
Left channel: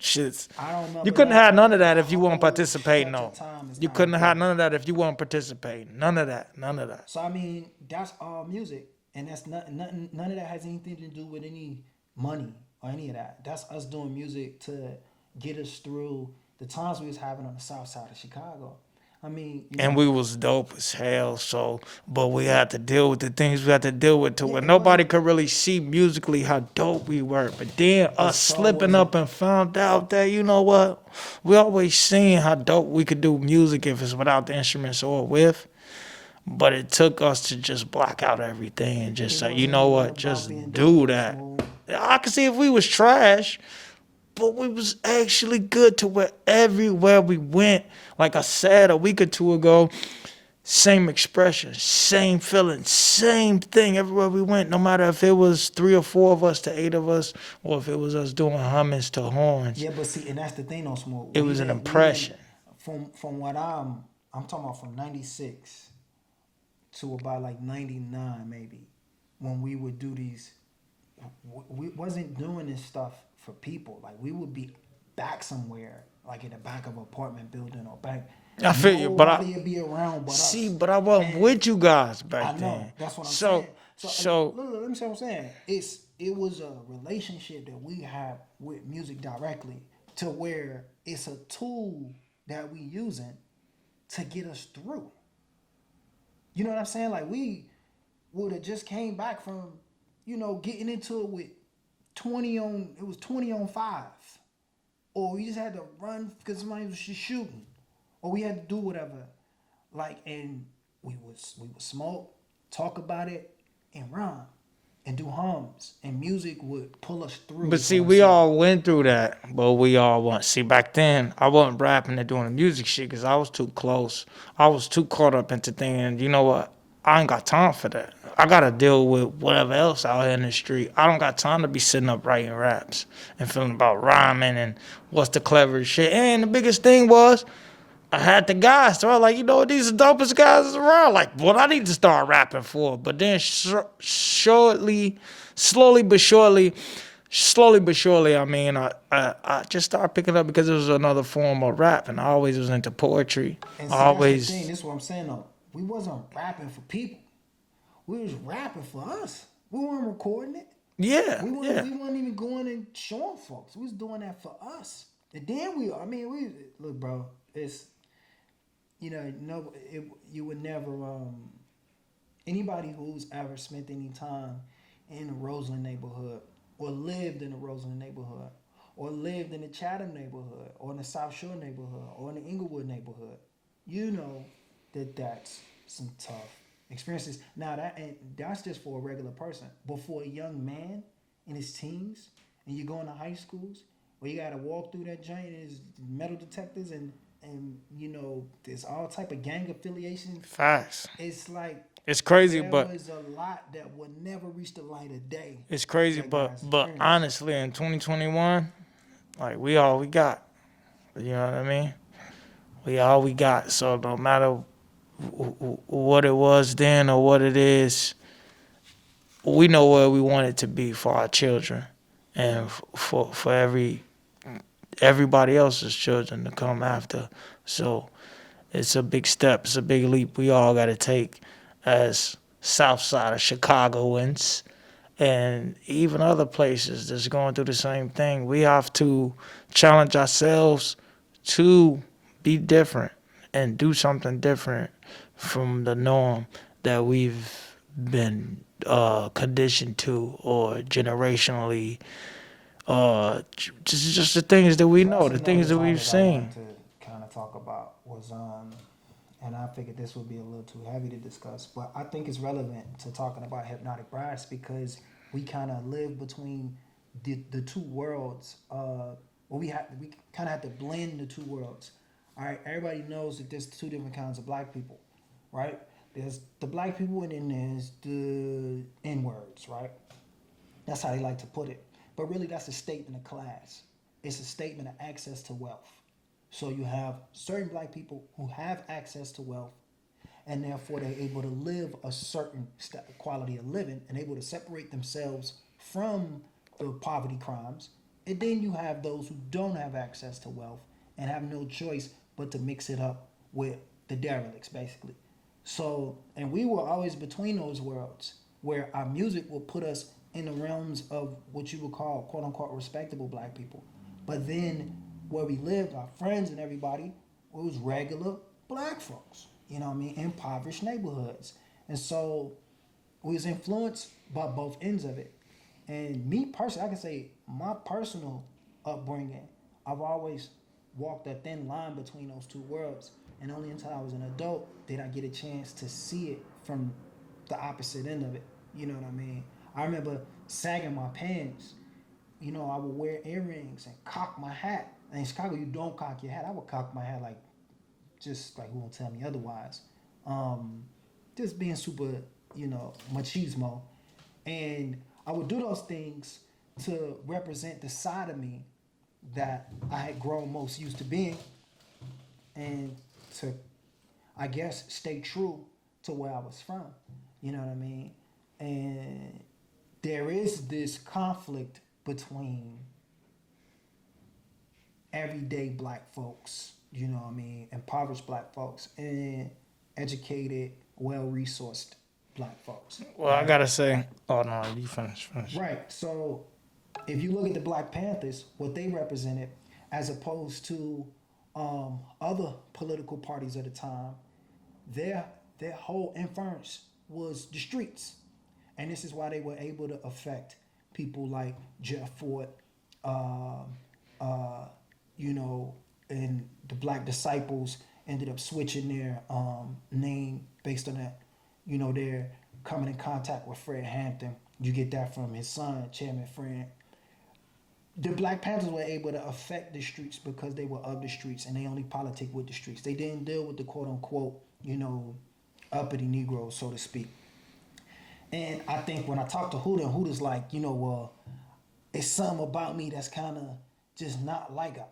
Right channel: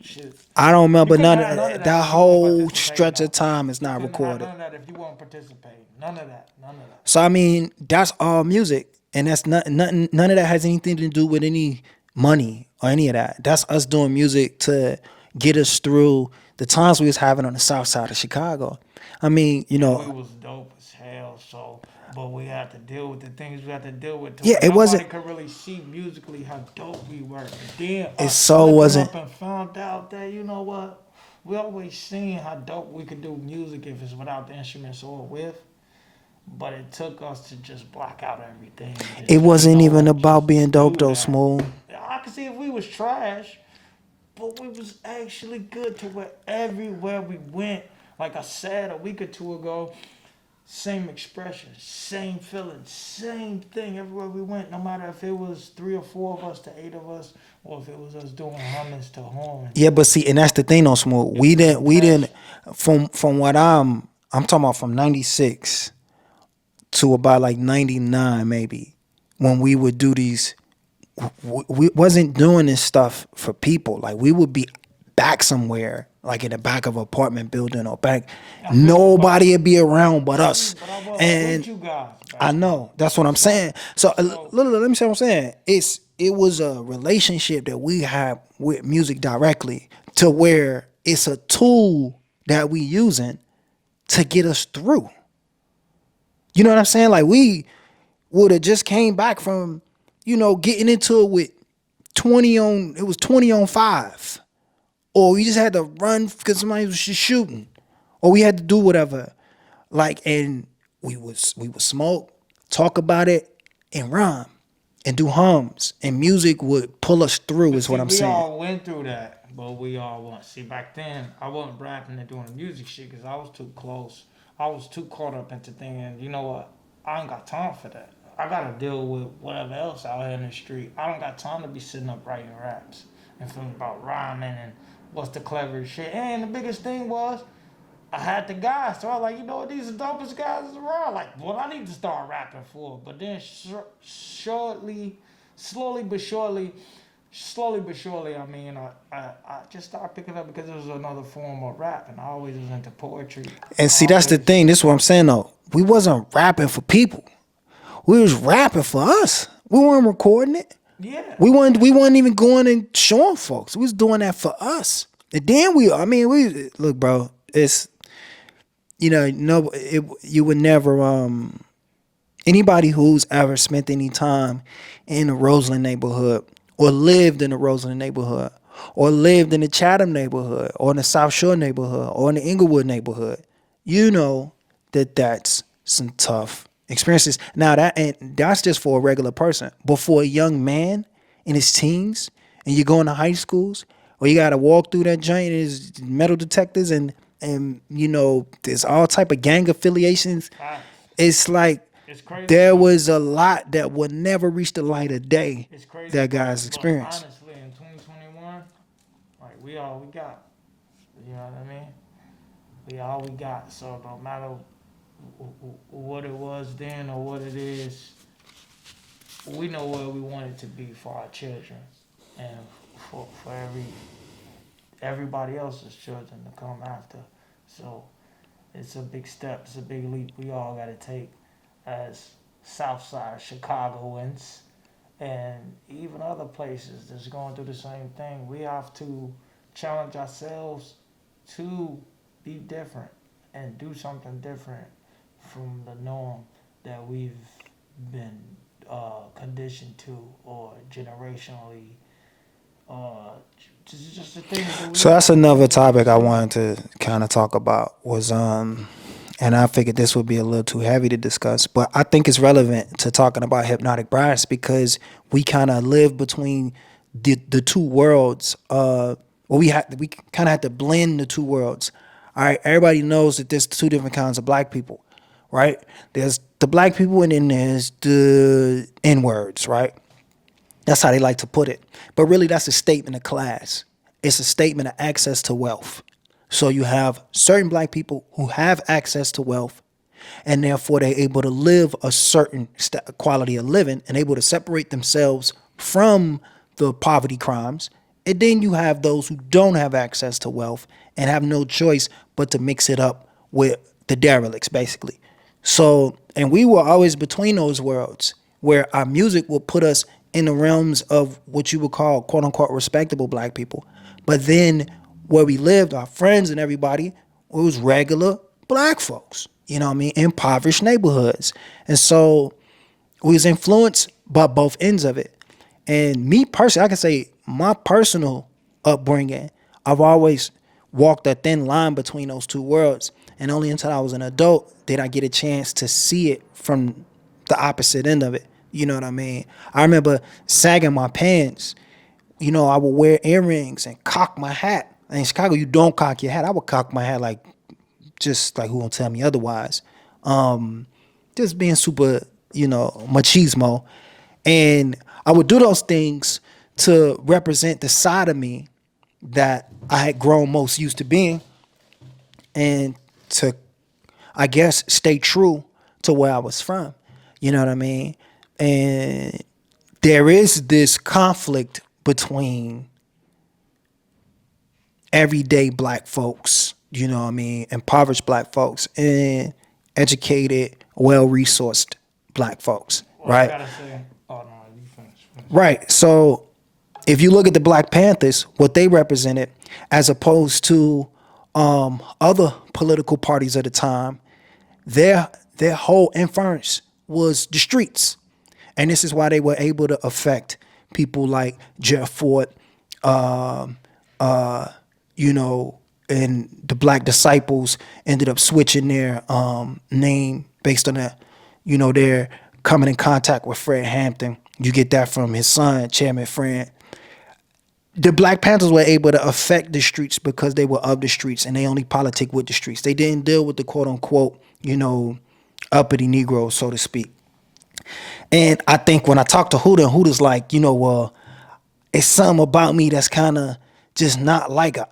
shits. I don't remember You couldn't none have of none of that that if you weren't whole participating. stretch on. of time is You not couldn't have recorded. none of that if you weren't participating. None of that. None of that. So I mean, that's all music, and that's nothing. None of that has anything to do with any money or any of that. That's us doing music to get us through the times we was having on the south side of Chicago. I mean, And we was dope as hell. So, but we had to deal with the things we had to deal with. Yeah, Where it nobody wasn't- could really see musically how dope we were. But then us so slipping wasn't- up and found out that, you know what, we always seen how dope we could do music if it's without the instruments or with. But it took us to just block out everything. And just It say, wasn't you know even what, about just being dope do though, that. Smoove. I could see if we was trash, but we was actually good to where everywhere we went. Like I said a week or two ago, same expression, same feeling, same thing everywhere we went. No matter if it was 3 or 4 of us to 8 of us, or if it was us doing hummings to horn. Yeah, but see, and that's the thing, though, Smoove. It We was an didn't. impression. From what I'm talking about from '96 to about like '99 maybe, when we would do these. We wasn't doing this stuff for people. Like we would be back somewhere, like in the back of an apartment building or back. I feel you, but Nobody would be around but us. See, but I wasn't And with you guys back I know. then. That's what I'm saying. So let me say what I'm saying. It was a relationship that we have with music directly, to where it's a tool that we using to get us through. You know what I'm saying? Like we would have just came back from, getting into it with 20 on 5. Or we just had to run because somebody was just shooting. or we had to do whatever. Like, and we would smoke, talk about it, and rhyme, and do hums, and music would pull us through. But Is what see, I'm we saying. all went through that, but we all want. See, back then, I wasn't rapping and doing the music shit because I was too close. I was too caught up into thinking, you know what? I ain't got time for that. I gotta deal with whatever else out here in the street. I don't got time to be sitting up writing raps and feeling about rhyming and what's the cleverest shit. And the biggest thing was, I had the guys, so I was like, you know what, these are the dopest guys around. Like, what I need to start rapping for. But then slowly but surely, I mean, I just started picking up because it was another form of rap, and I always was into poetry. And see, that's the Always, thing. This is what I'm saying though. We wasn't rapping for people. We was rapping for us. We weren't recording it. yeah. We weren't even going and showing folks. We was doing that for us. And then we look, bro, it's, you know, no, you would never, anybody who's ever spent any time in the Roseland neighborhood or lived in the Roseland neighborhood or lived in the Chatham neighborhood or in the South Shore neighborhood or in the Inglewood neighborhood, you know that that's some tough experiences. Now that's just for a regular person, but for a young man in his teens and you're going to high schools or you got to walk through that joint, there's metal detectors and you know there's all type of gang affiliations. Facts. It's like It's crazy. there but was a lot that would never reach the light of day. It's crazy. That but, guy's but experience. honestly, in 2021, like we all we got. You know what I mean? We all we got. So no matter what it was then or what it is, we know where we want it to be for our children and for everybody else's children to come after. So it's a big step. It's a big leap we all got to take as South Side of Chicagoans and even other places that's going through the same thing. We have to challenge ourselves to be different and do something different from the norm that we've been conditioned to or generationally. Just the things that we So know, that's the another things that we've topic I seen. wanted to kind of talk about was and I figured this would be a little too heavy to discuss, but I think it's relevant to talking about hypnotic brass because we kind of live between the two worlds. We kind of had to blend the two worlds. All right, everybody knows that there's two different kinds of black people, right? There's the black people and then there's the N words, right? That's how they like to put it. But really, that's a statement of class. It's a statement of access to wealth. So you have certain black people who have access to wealth, and therefore they're able to live a certain quality of living and able to separate themselves from the poverty crimes. And then you have those who don't have access to wealth and have no choice but to mix it up with the derelicts, basically. So, and we were always between those worlds where our music will put us in the realms of what you would call quote unquote respectable black people. But then where we lived, our friends and everybody, it was regular black folks, you know what I mean, impoverished neighborhoods. And so we was influenced by both ends of it. And me personally, I can say my personal upbringing, I've always walked a thin line between those two worlds. And only until I was an adult did I get a chance to see it from the opposite end of it. You know what I mean? I remember sagging my pants. You know, I would wear earrings and cock my hat. And in Chicago, you don't cock your hat. I would cock my hat like, just like who won't tell me otherwise. Just being super, you know, machismo. And I would do those things to represent the side of me that I had grown most used to being and to, I guess, stay true to where I was from. You know what I mean? And there is this conflict between everyday black folks, you know what I mean, impoverished black folks, and educated, well-resourced black folks, Well, right? I gotta say, oh no, you finish. Right. So if you look at the Black Panthers, what they represented, as opposed to other political parties at the time, their whole inference was the streets. And this is why they were able to affect people like Jeff Ford, you know, and the Black Disciples ended up switching their name based on that, their coming in contact with Fred Hampton. You get that from his son, Chairman Fred. The Black Panthers were able to affect the streets because they were of the streets and they only politic with the streets. They didn't deal with the quote unquote, uppity Negroes, so to speak. And I think when I talk to Huda, and Huda's like, well, it's something about me that's kind of just not like a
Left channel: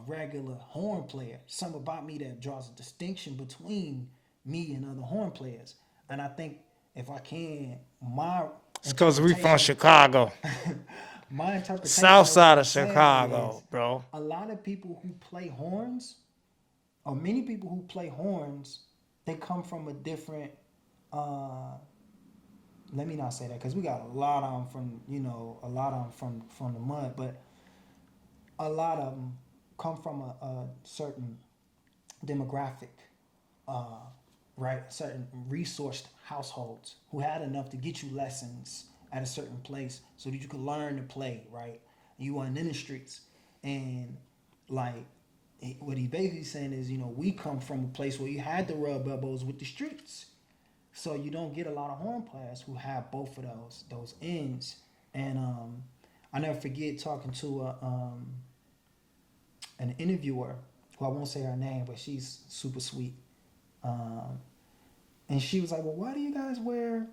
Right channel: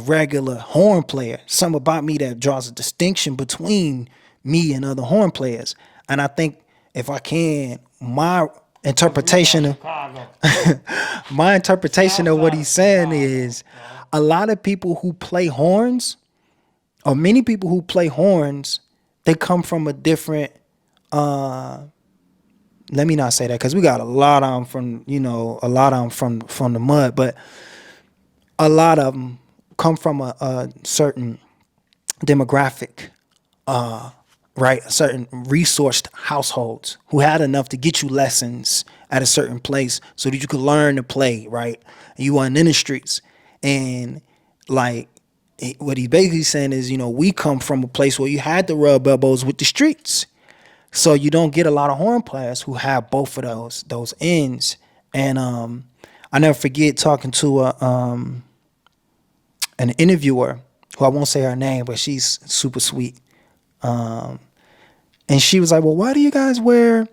regular horn player. Something about me that draws a distinction between me and other horn players. And I think if I can, my interpretation, Chicago, my interpretation South of side what of he's saying Chicago, is bro. a lot of people who play horns, or many people who play horns, they come from a different. Let me not say that because we got a lot of them from the mud, but a lot of them come from a certain demographic, right? Certain resourced households who had enough to get you lessons at a certain place so that you could learn to play, right? And you weren't in the streets. And like what he's basically saying is, we come from a place where you had to rub elbows with the streets. So you don't get a lot of horn players who have both of those ends. And I never forget talking to an interviewer who I won't say her name, but she's super sweet. And she was like, well, why do you guys wear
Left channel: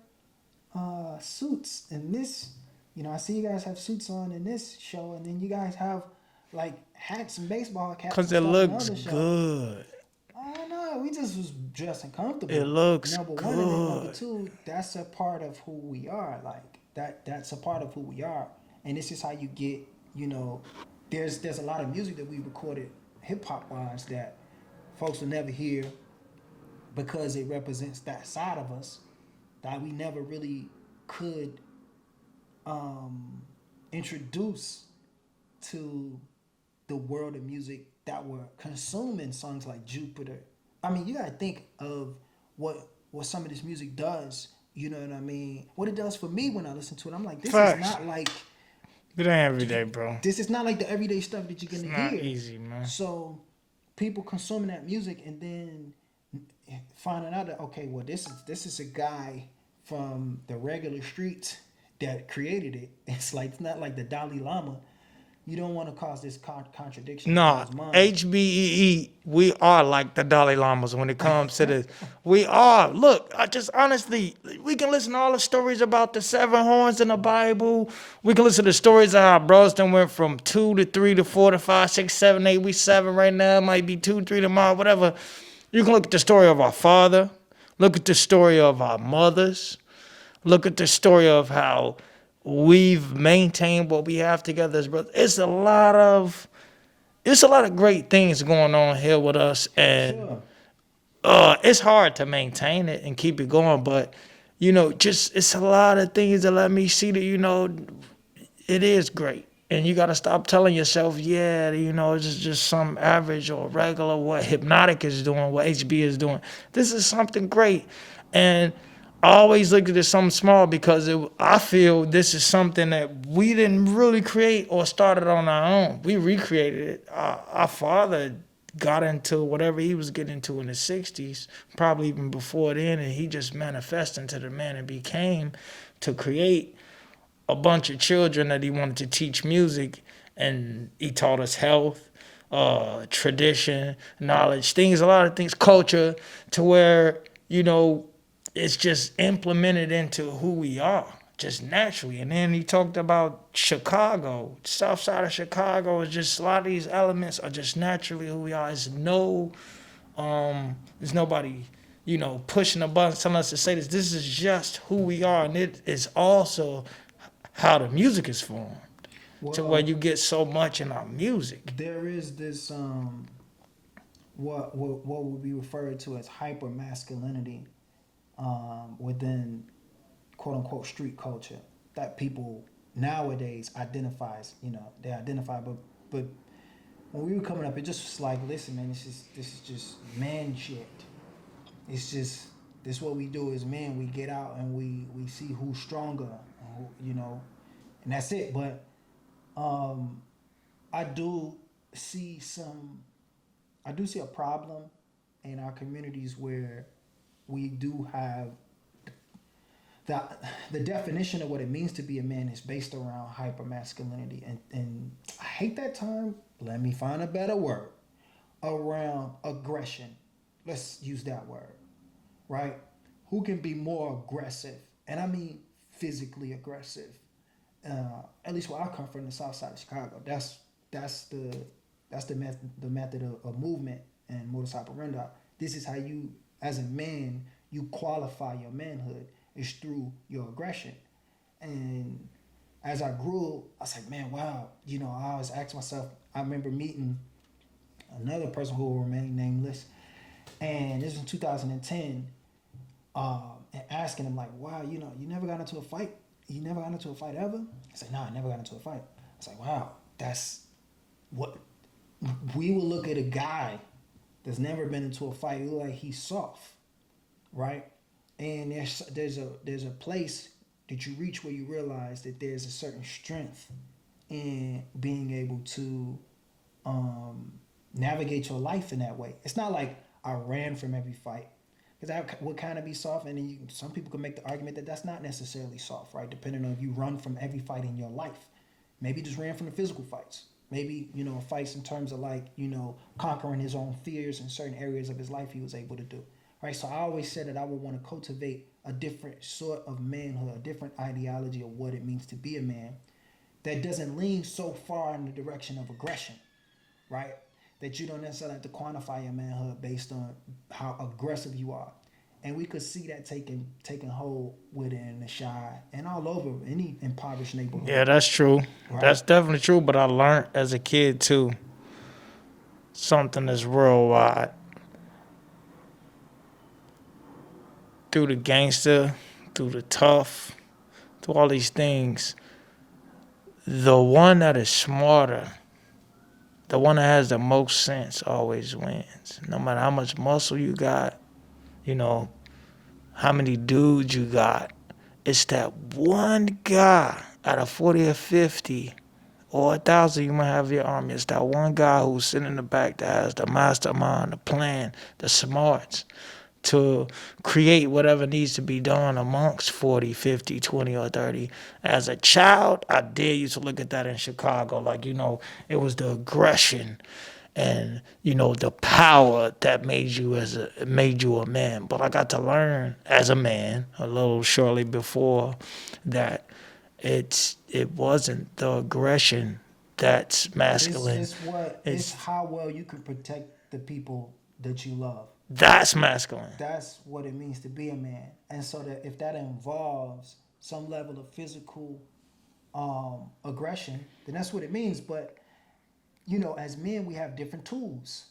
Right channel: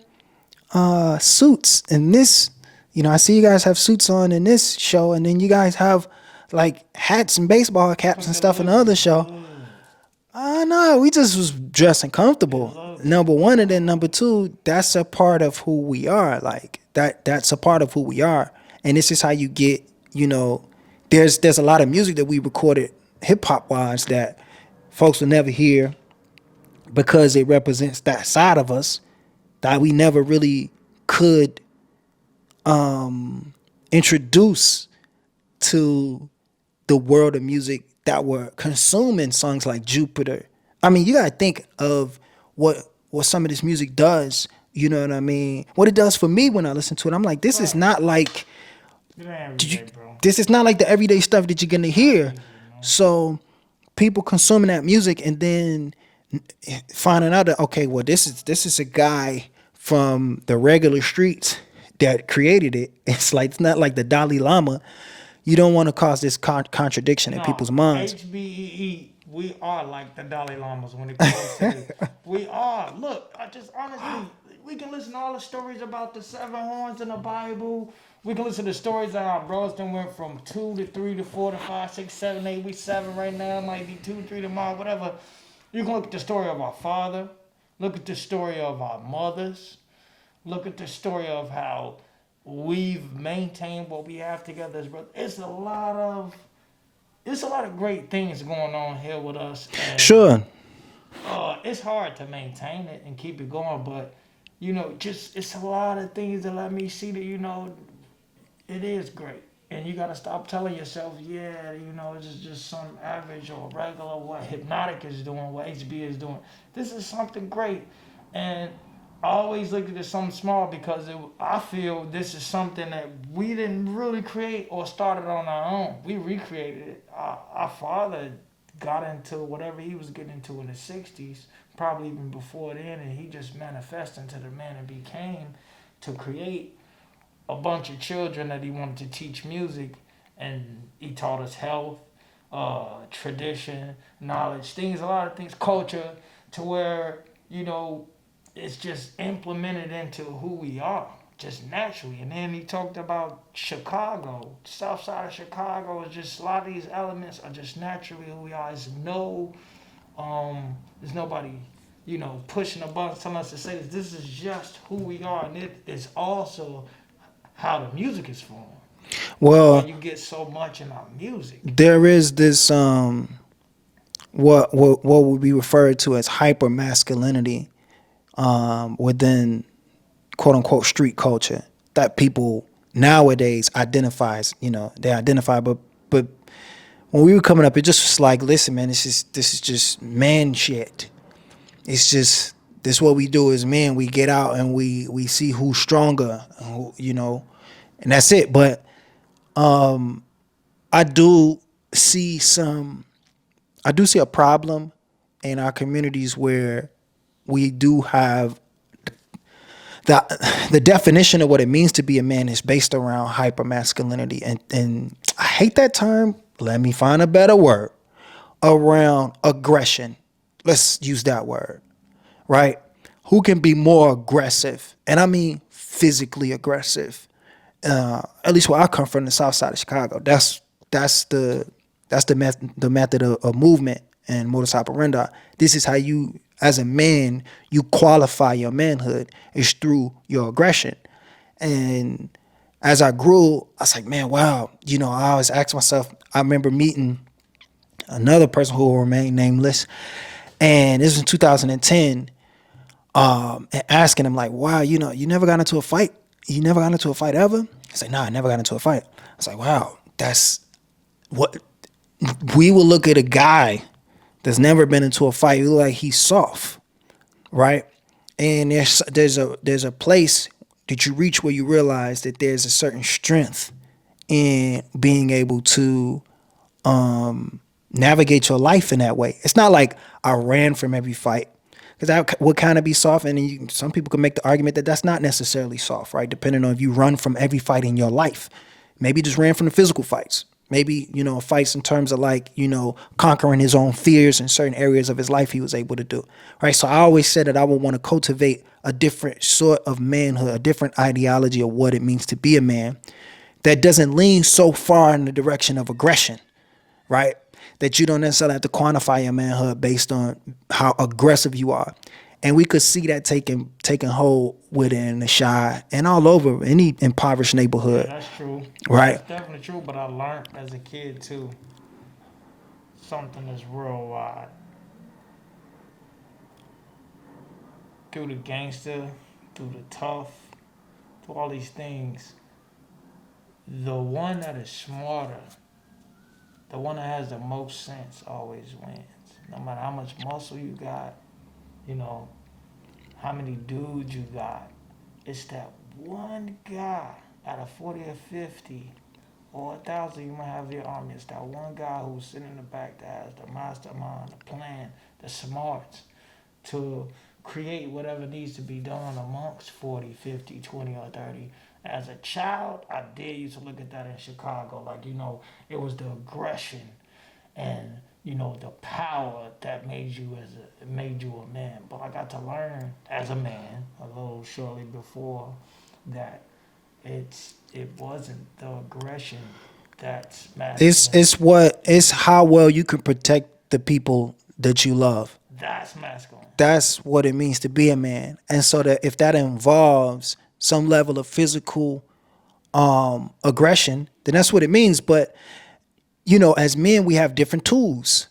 suits in this? I see you guys have suits on in this show, and then you guys have like hats and baseball caps and stuff in the other show. Good. No, we just was dressing comfortable. It looks number one, and then good. number two, that's a part of who we are. Like that's a part of who we are, and this is how you get. There's a lot of music that we recorded hip hop wise that folks will never hear because it represents that side of us that we never really could introduce to the world of music that were consuming songs like Jupiter. I mean, you gotta think of what some of this music does. You know what I mean? What it does for me when I listen to it. I'm like, this is Facts. not like It ain't every day, bro. this is not like the everyday stuff that you're gonna hear. Easy, man. So people consuming that music and then finding out that, okay, well, this is a guy from the regular streets that created it. It's not like the Dalai Lama. You don't want to cause this contradiction in people's minds. HBEE, we are like the Dalai Lamas when it comes to this. We are. Look, I just honestly, we can listen to all the stories about the 7 horns in the Bible. We can listen to stories of how bros done went from 2 to 3 to 4 to 5, 6, 7, 8. We 7 right now. It might be 2, 3 tomorrow, whatever. You can look at the story of our father. Look at the story of our mothers. Look at the story of how we've maintained what we have together as brothers. It's a lot of great things going on here with us, and Sure. it's hard to maintain it and keep it going. But just it's a lot of things that let me see that it is great, and you got to stop telling yourself, it's just some average or regular what Hypnotic is doing, what HB is doing. This is something great, and I always look at it as something small because I feel this is something that we didn't really create or started on our own. We recreated it. Our father got into whatever he was getting into in the 60s, probably even before then, and he just manifested into the man it became to create a bunch of children that he wanted to teach music, and he taught us health, tradition, knowledge, a lot of things, culture, to where, it's just implemented into who we are, just naturally. And then he talked about Chicago, south side of Chicago. Is just a lot of these elements are just naturally who we are. There's nobody, pushing a button telling us to say this. This is just who we are, and it is also how the music is formed. Well, why you get so much in our music. There is this what would be referred to as hyper masculinity within quote unquote street culture that people nowadays identifies, they identify, but when we were coming up, it just was like, listen, man, this is just man shit. It's just this what we do as men. We get out and we see who's stronger, and that's it. But I do see I do see a problem in our communities where we do have the definition of what it means to be a man is based around hypermasculinity. And I hate that term. Let me find a better word. Around aggression. Let's use that word, right? Who can be more aggressive? And I mean physically aggressive. At least where I come from, the South Side of Chicago. That's the method of movement and modus operandi. This is how you, as a man, you qualify your manhood is through your aggression. And as I grew, I was like, man, wow. I always asked myself. I remember meeting another person who will remain nameless, and this was in 2010. And asking him like, wow, you never got into a fight. You never got into a fight ever? He's like, nah, I never got into a fight. I was like, wow, that's what we will look at a guy that's never been into a fight. We look like he's soft, right? And there's a place that you reach where you realize that there's a certain strength in being able to navigate your life in that way. It's not like I ran from every fight, because that would kind of be soft. And some people can make the argument that that's not necessarily soft, right? Depending on if you run from every fight in your life. Maybe just ran from the physical fights. Maybe, fights in terms of like, conquering his own fears in certain areas of his life he was able to do, right? So I always said that I would want to cultivate a different sort of manhood, a different ideology of what it means to be a man that doesn't lean so far in the direction of aggression, right? That you don't necessarily have to quantify your manhood based on how aggressive you are. And we could see that taking hold within the Chi and all over any impoverished neighborhood. Yeah, that's true. Right. That's definitely true. But I learned as a kid too, something that's worldwide. Through the gangster, through the tough, through all these things, the one that is smarter, the one that has the most sense always wins. No matter how much muscle you got, how many dudes you got. It's that one guy out of 40 or 50 or 1,000 you might have your army. It's that one guy who's sitting in the back that has the mastermind, the plan, the smarts to create whatever needs to be done amongst 40, 50, 20, or 30. As a child, I did used to look at that in Chicago. Like, it was the aggression and, the power that made you a man. But I got to learn as a man a little shortly before that it wasn't the aggression that's masculine. It's how well you can protect the people that you love. That's masculine. That's what it means to be a man. And so that if that involves some level of physical aggression, then that's what it means. But, as men, we have different tools.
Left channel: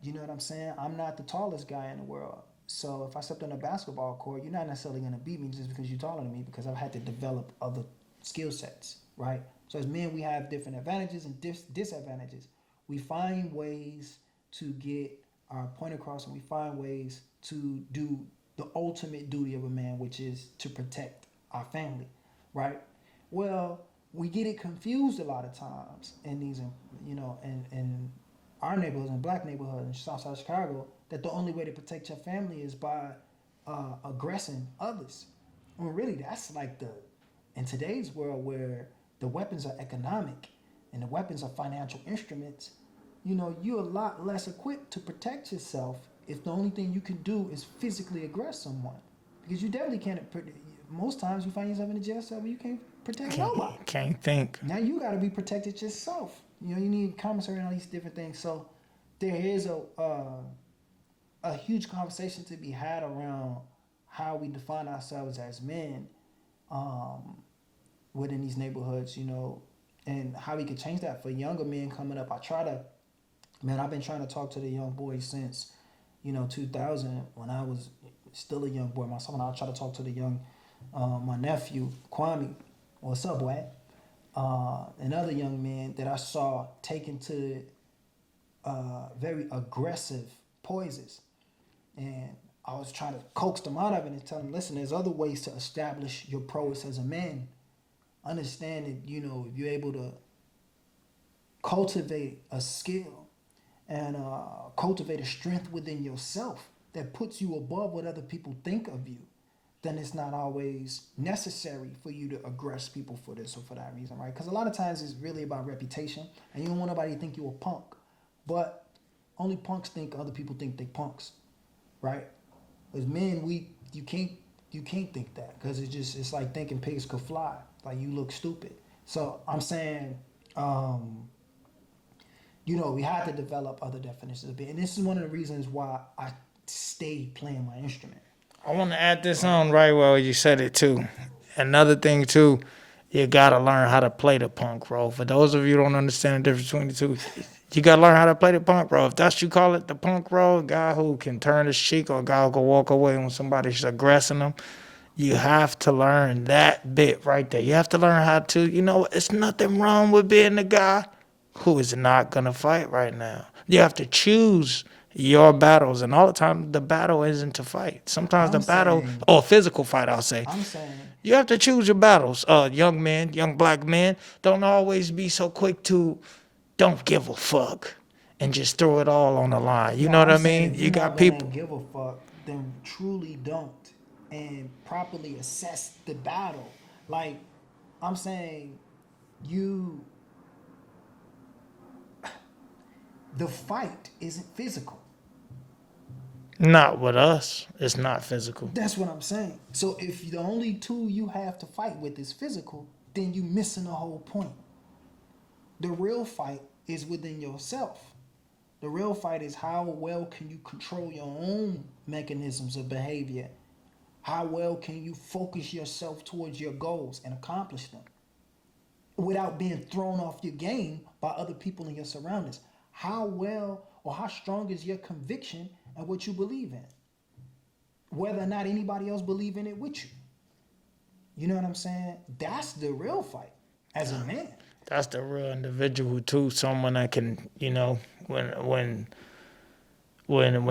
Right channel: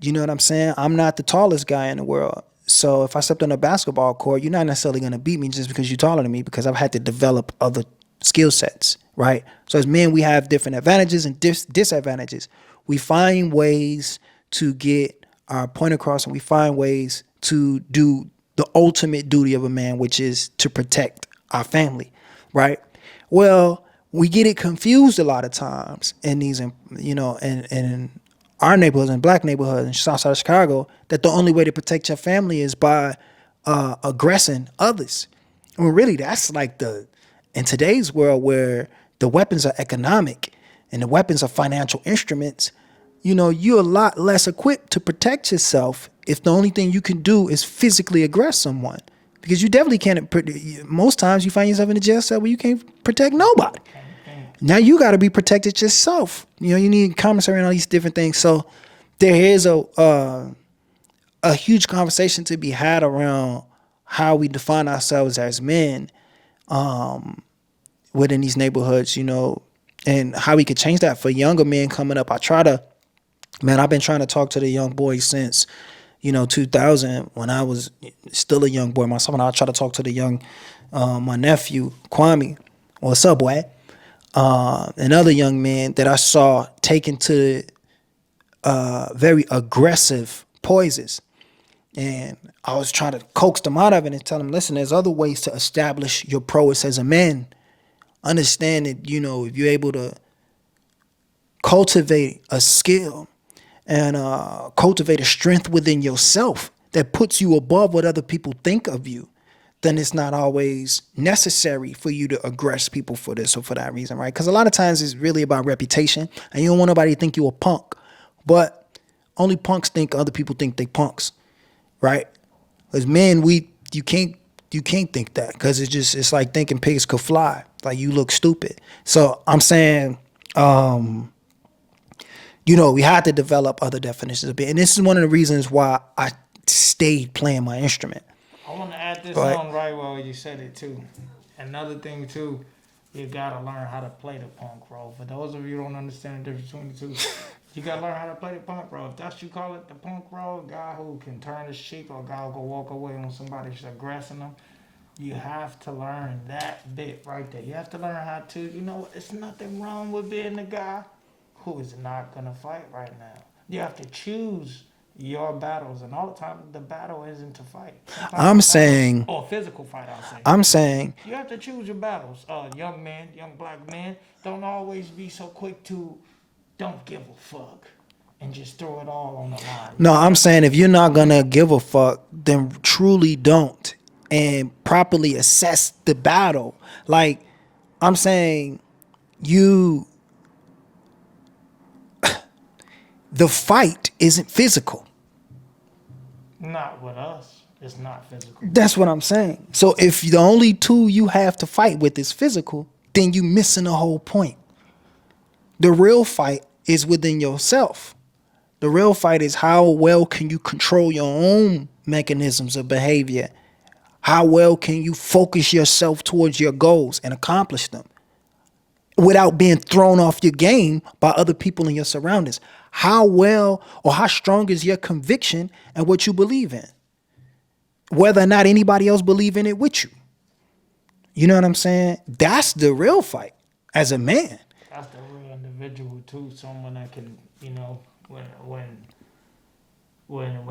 You know what I'm saying? I'm not the tallest guy in the world. So if I stepped on a basketball court, you're not necessarily going to beat me just because you're taller than me, because I've had to develop other skill sets, right? So as men, we have different advantages and disadvantages. We find ways to get our point across, and we find ways to do the ultimate duty of a man, which is to protect our family, right? Well, we get it confused a lot of times in these, in our neighborhoods and black neighborhoods in South Side of Chicago, that the only way to protect your family is by aggressing others. Well, really, that's like in today's world where the weapons are economic and the weapons are financial instruments, you're a lot less equipped to protect yourself if the only thing you can do is physically aggress someone. Because you definitely can't, most times you find yourself in a jail cell where you can't protect nobody. Can't think. Now you got to be protected yourself. You need commissary and all these different things. So there is a huge conversation to be had around how we define ourselves as men within these neighborhoods, and how we could change that for younger men coming up. I've been trying to talk to the young boys since 2000, when I was still a young boy myself, and I try to talk to my nephew, Kwame, or Subway, and other young men that I saw taken to very aggressive poisons. And I was trying to coax them out of it and tell them, listen, there's other ways to establish your prowess as a man. Understand that, if you're able to cultivate a skill and cultivate a strength within yourself that puts you above what other people think of you, then it's not always necessary for you to aggress people for this or for that reason, right? Because a lot of times it's really about reputation, and you don't want nobody to think you a punk. But only punks think other people think they punks, right? As men, you can't think that, because it's like thinking pigs could fly. Like, you look stupid. So I'm saying, we had to develop other definitions of it, and this is one of the reasons why I stayed playing my instrument. I want to add this on right where you said it too. Another thing too, you gotta learn how to play the punk role. For those of you who don't understand the difference between the two, you gotta learn how to play the punk role. If that's what you call it, the punk role, guy who can turn his cheek or a guy who can walk away when somebody's aggressing him, you have to learn that bit right there. You have to learn how to, it's nothing wrong with being the guy who is not gonna fight right now. You have to choose your battles, and all the time the battle isn't to fight. Sometimes or physical fight, I'll say. I'm saying you have to choose your battles. Young men, young black men, don't always be so quick to don't give a fuck and just throw it all on the line. I'm saying if you're not gonna give a fuck, then truly don't, and properly assess the battle. Like, I'm saying the fight isn't physical. Not with us. It's not physical. That's what I'm saying. So if the only tool you have to fight with is physical, then you missing the whole point. The real fight is within yourself. The real fight is how well can you control your own mechanisms of behavior? How well can you focus yourself towards your goals and accomplish them without being thrown off your game by other people in your surroundings? How well or how strong is your conviction and what you believe in? Whether or not anybody else believe in it with you. You know what I'm saying? That's the real fight as a man. That's the real individual too. Someone that can, when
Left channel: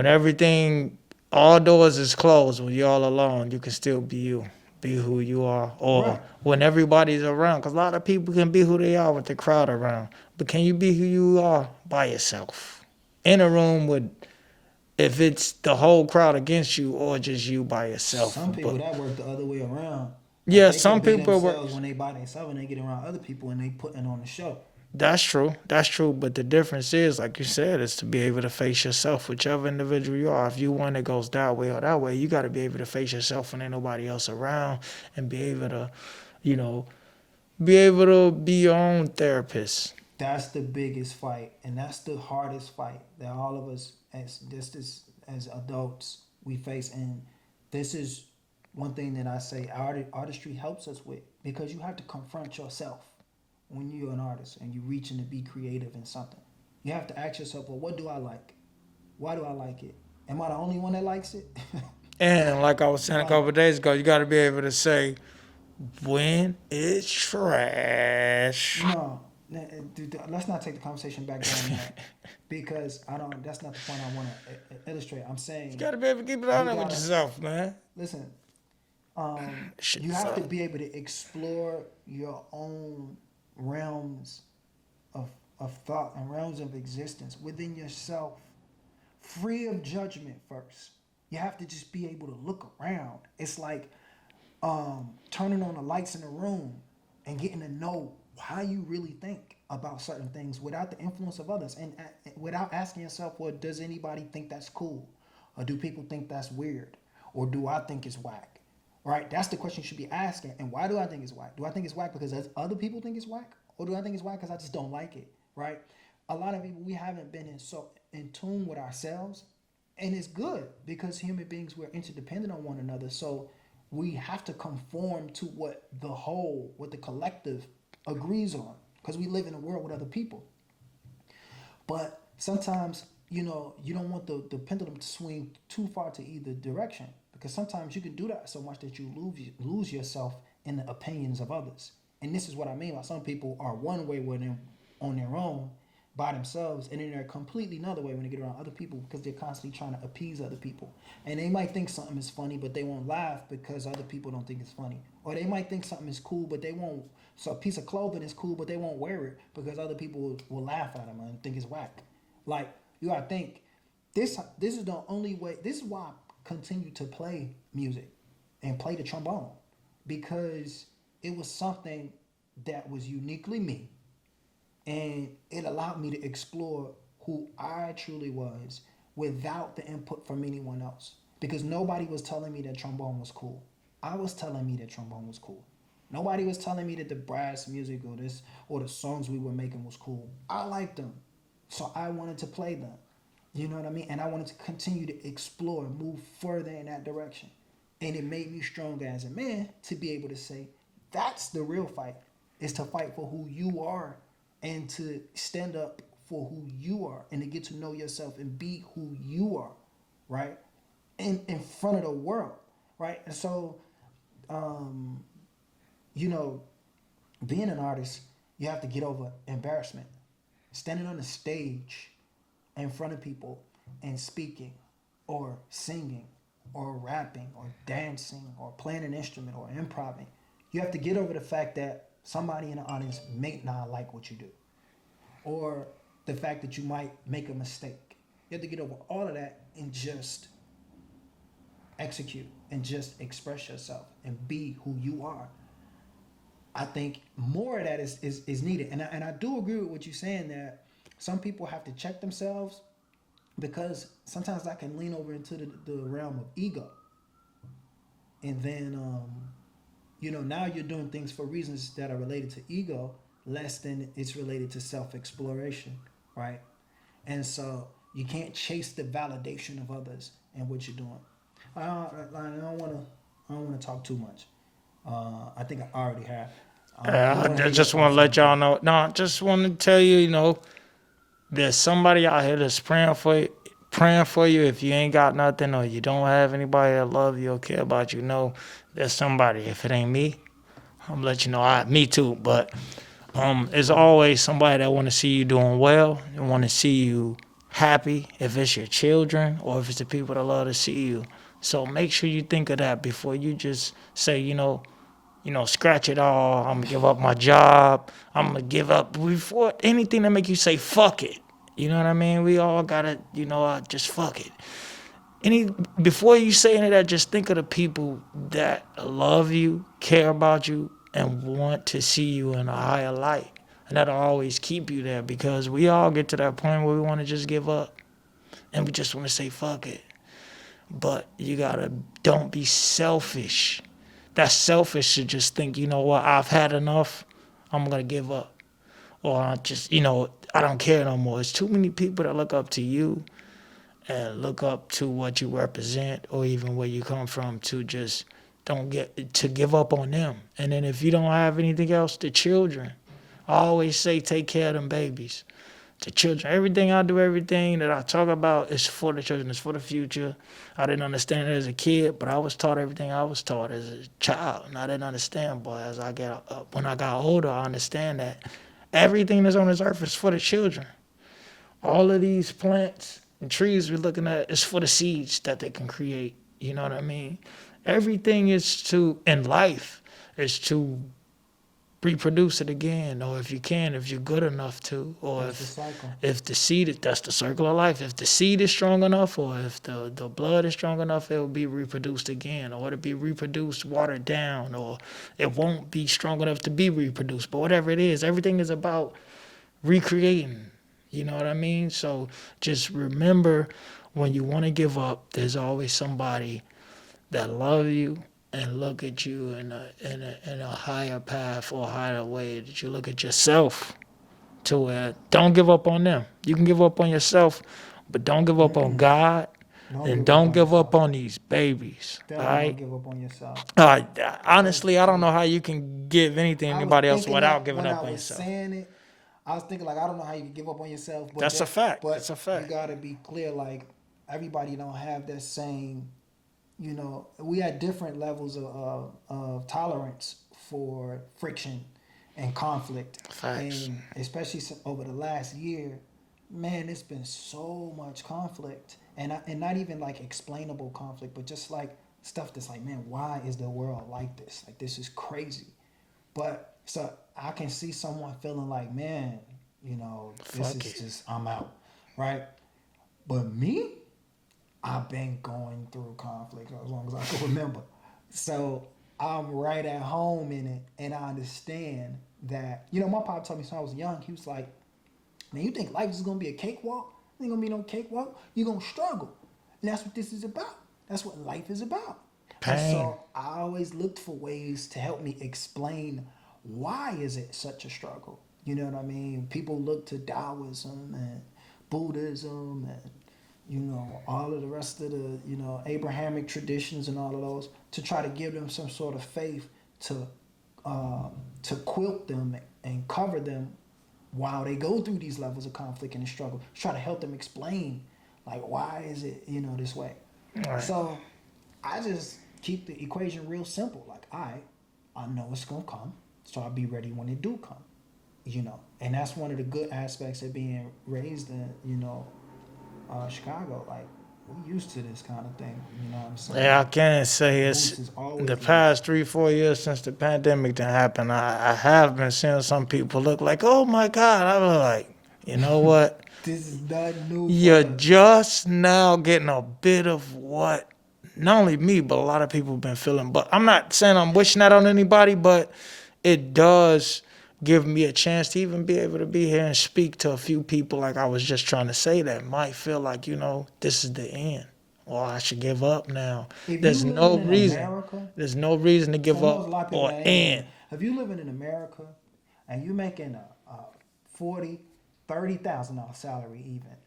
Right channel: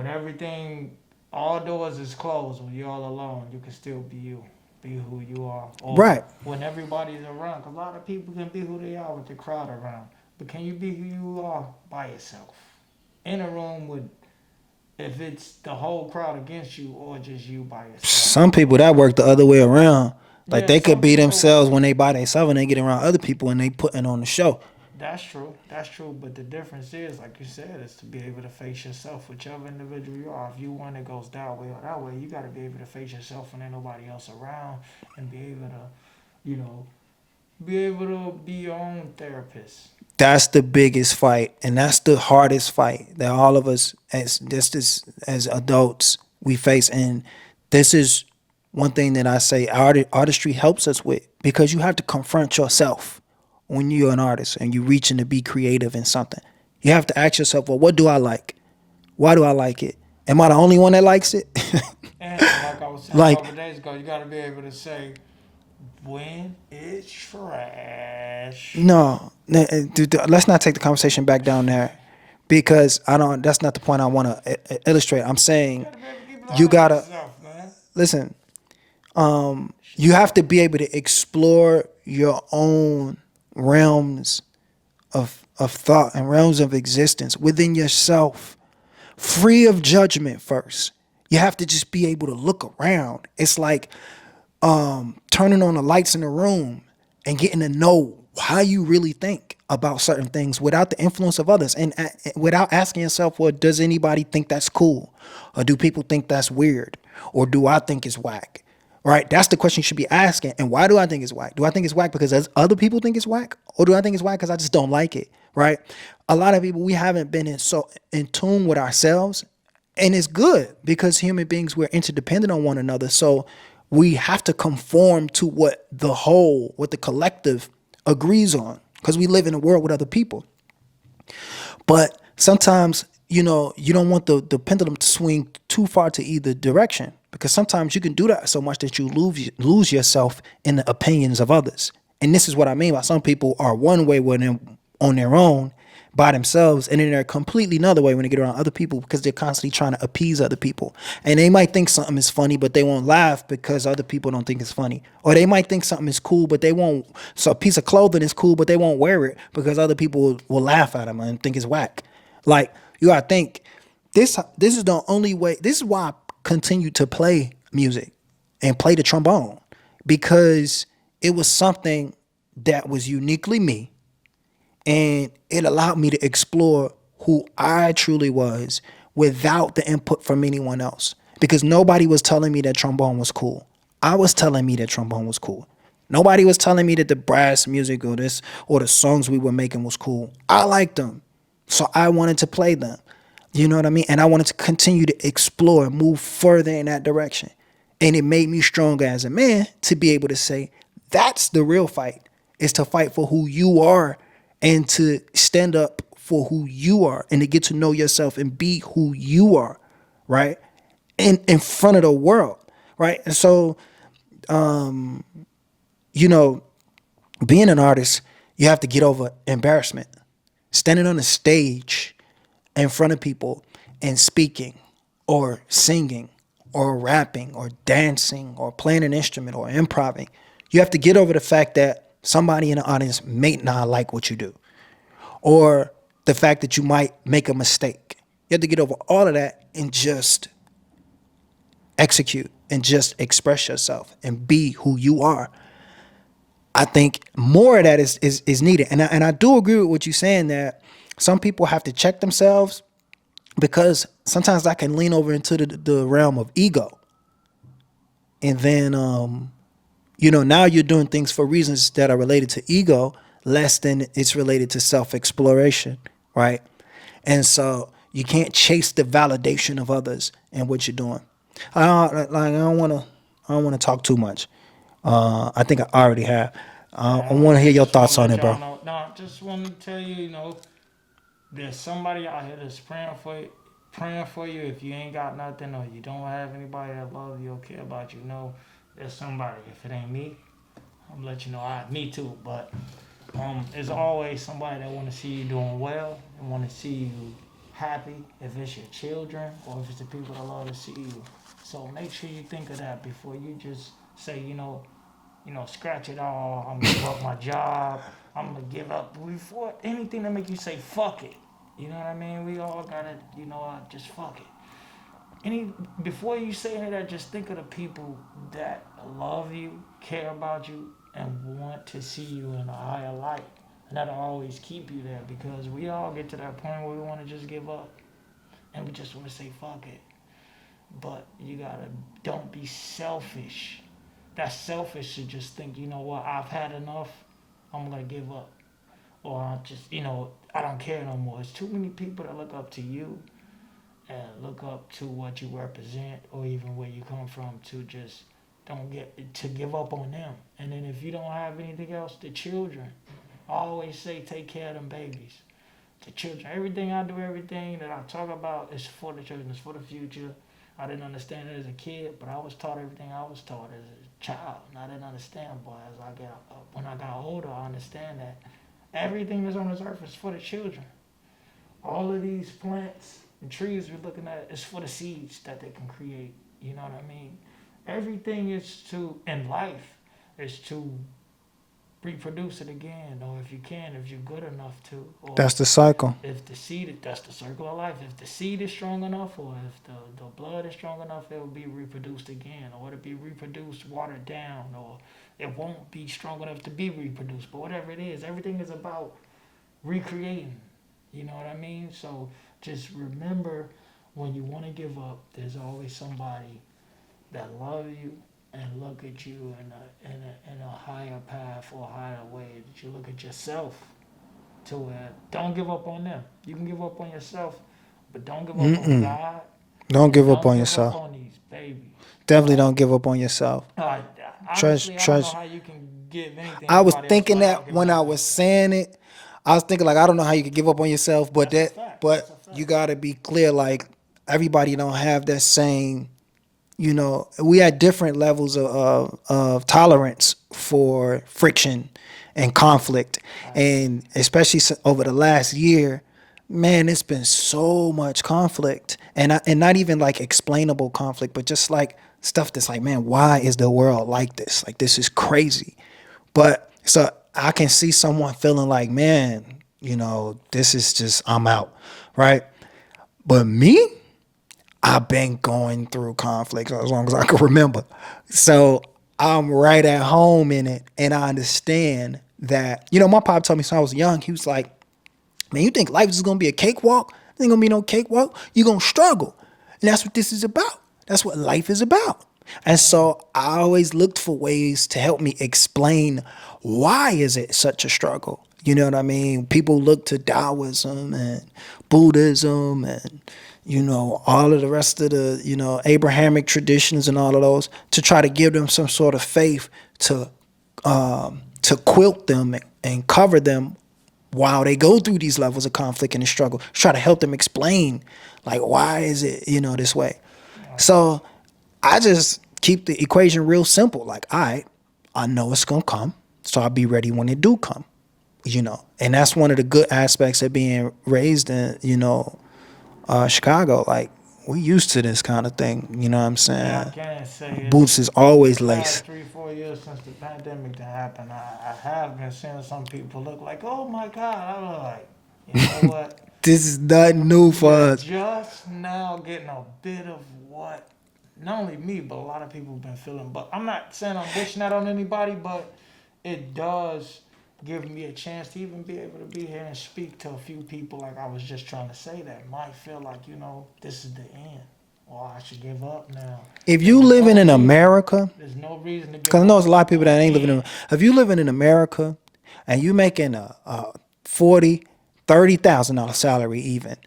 everything, all doors is closed, when you're all alone, you can still be you. Be who you are. Or right. When everybody's around. Because a lot of people can be who they are with the crowd around. But can you be who you are by yourself? In a room with, if it's the whole crowd against you or just you by yourself. Some people that work the other way around. Like, they could be themselves when they by themselves and they get around other people and they putting on the show. That's true. That's true. But the difference is, like you said, is to be able to face yourself, whichever individual you are. If you one that goes that way or that way, you got to be able to face yourself when ain't nobody else around, and be able to, be your own therapist. That's the biggest fight, and that's the hardest fight that all of us as adults we face. And this is one thing that I say artistry helps us with, because you have to confront yourself when you're an artist and you're reaching to be creative in something. You have to ask yourself, well, what do I like? Why do I like it? Am I the only one that likes it? And like I was saying a couple of days ago, you got to be able to say when it's trash. No, let's not take the conversation back down there, because that's not the point I want to illustrate. I'm saying you gotta yourself, man. Listen. You have to be able to explore your own realms of thought and realms of existence within yourself, free of judgment first. You have to just be able to look around. It's like turning on the lights in the room and getting to know how you really think about certain things without the influence of others, and without asking yourself, well, does anybody think that's cool? Or do people think that's weird? Or do I think it's whack? Right? That's the question you should be asking. And why do I think it's whack? Do I think it's whack because other people think it's whack? Or do I think it's whack because I just don't like it? Right? A lot of people, we haven't been in tune with ourselves. And it's good, because human beings, we're interdependent on one another. So we have to conform to what the collective agrees on, because we live in a world with other people. But sometimes, you don't want the pendulum to swing too far to either direction, because sometimes you can do that so much that you lose yourself in the opinions of others. And this is what I mean by some people are one way when they're on their own, by themselves, and then they're completely another way when they get around other people because they're constantly trying to appease other people. And they might think something is funny, but they won't laugh because other people don't think it's funny. Or they might think something is cool, but they won't. So a piece of clothing is cool, but they won't wear it because other people will laugh at them and think it's whack. Like, you gotta think, this is the only way. This is why I continue to play music and play the trombone, because it was something that was uniquely me, and it allowed me to explore who I truly was without the input from anyone else. Because nobody was telling me that trombone was cool. I was telling me that trombone was cool. Nobody was telling me that the brass music or this or the songs we were making was cool. I liked them. So I wanted to play them. You know what I mean? And I wanted to continue to explore, move further in that direction. And it made me stronger as a man to be able to say, that's the real fight, is to fight for who you are and to stand up for who you are and to get to know yourself and be who you are, right? In front of the world, right? And so, you know, being an artist, you have to get over embarrassment. Standing on a stage in front of people and speaking or singing or rapping or dancing or playing an instrument or improvising, you have to get over the fact that somebody in the audience may not like what you do, or the fact that you might make a mistake. You have to get over all of that and just execute and just express yourself and be who you are. I think more of that is needed. And I do agree with what you're saying, that some people have to check themselves, because sometimes that can lean over into the realm of ego. And then, you know, now you're doing things for reasons that are related to ego less than it's related to self-exploration, right? And so you can't chase the validation of others in what you're doing. I don't want to talk too much. I think I already have. I want to hear your just want thoughts to on let it, y'all bro. know. No, just want to tell you, you know, there's somebody out here that's praying for you. If you ain't got nothing or you don't have anybody that love you or care about you, know there's somebody. If it ain't me, I'm gonna let you know. Me too, but there's always somebody that want to see you doing well and want to see you happy. If it's your children or if it's the people that love to see you. So make sure you think of that before you just say, scratch it all. I'm gonna give up my job. I'm gonna give up before anything that make you say fuck it. You know what I mean? We all gotta, just fuck it. Before you say any of that, just think of the people that love you, care about you, and want to see you in a higher light. And that'll always keep you there, because we all get to that point where we want to just give up and we just want to say fuck it. But don't be selfish. That's selfish to just think, you know what, I've had enough, I'm going to give up. Or I just, I don't care no more. It's too many people that look up to you and look up to what you represent or even where you come from, to just to give up on them. And then if you don't have anything else, the children. I always say take care of them babies. The children. Everything that I talk about is for the children. It's for the future. I didn't understand it as a kid, but I was taught everything I was taught as a child, and I didn't understand. But when I got older, I understand that everything that's on this earth is for the children. All of these plants and trees we're looking at is for the seeds that they can create. You know what I mean? Everything in life is to reproduce it again, or if you're good enough to. Or That's the cycle. If the seed, that's the circle of life. If the seed is strong enough, or if the blood is strong enough, it will be reproduced again, or it'll be reproduced, watered down, or it won't be strong enough to be reproduced. But whatever it is, everything is about recreating. You know what I mean? So just remember, when you want to give up, there's always somebody that love you and look at you in a higher path or higher way, that you look at yourself, to where don't give up on them. You can give up on yourself, but don't give up on God. Don't And give up don't on give up yourself. on these babies. Definitely Right? don't give up on yourself. Honestly, I don't know Trust. how you can give anything to I was anybody else thinking without that giving when up I on was yourself. saying it. I was thinking, like, I don't know how you could give up on yourself, but That's a fact. That's a fact. you gotta be clear, like, everybody don't have that same, we had different levels of tolerance for friction and conflict. Facts. And especially over the last year, Man, it's been so much conflict, and not even like explainable conflict, but just like stuff that's like, man, why is the world like this? Like this is crazy. But so I can see someone feeling like, man, this Fuck is it. just I'm out, right? But me, I've been going through conflict as long as I can remember. So I'm right at home in it, and I understand that. My pop told me since I was young. He was like, man, you think life is gonna be a cakewalk? There ain't gonna be no cakewalk. You're gonna struggle. And that's what this is about. That's what life is about. And Pain. so I always looked for ways to help me explain why is it such a struggle. You know what I mean? People look to Taoism and Buddhism and all of the rest of the, Abrahamic traditions and all of those to try to give them some sort of faith to quilt them and cover them while they go through these levels of conflict and struggle, try to help them explain, like, why is it, this way? Right. So I just keep the equation real simple. Like, all right, I know it's going to come, so I'll be ready when it do come. And that's one of the good aspects of being raised in, Chicago. Like, we used to this kind of thing, you know what I'm Yeah, I saying? can't say Boots it's is the always past laced. 3, 4 years since the pandemic done happened. I have been seeing some people look like, oh my God. I was like, you know what? This is nothing new for You're us. just now getting a bit of what not only me, but a lot of people have been feeling. But I'm not saying I'm wishing that on anybody, but it does give me a chance to even be able to be here and speak to a few people like I was just trying to say that might feel like, this is the end. Or I should give up now. If you There's living no in reason. America, There's no reason to because give I know there's up a lot of people or that ain't living in. end. If you living in America and you making a 40, $30,000 salary, even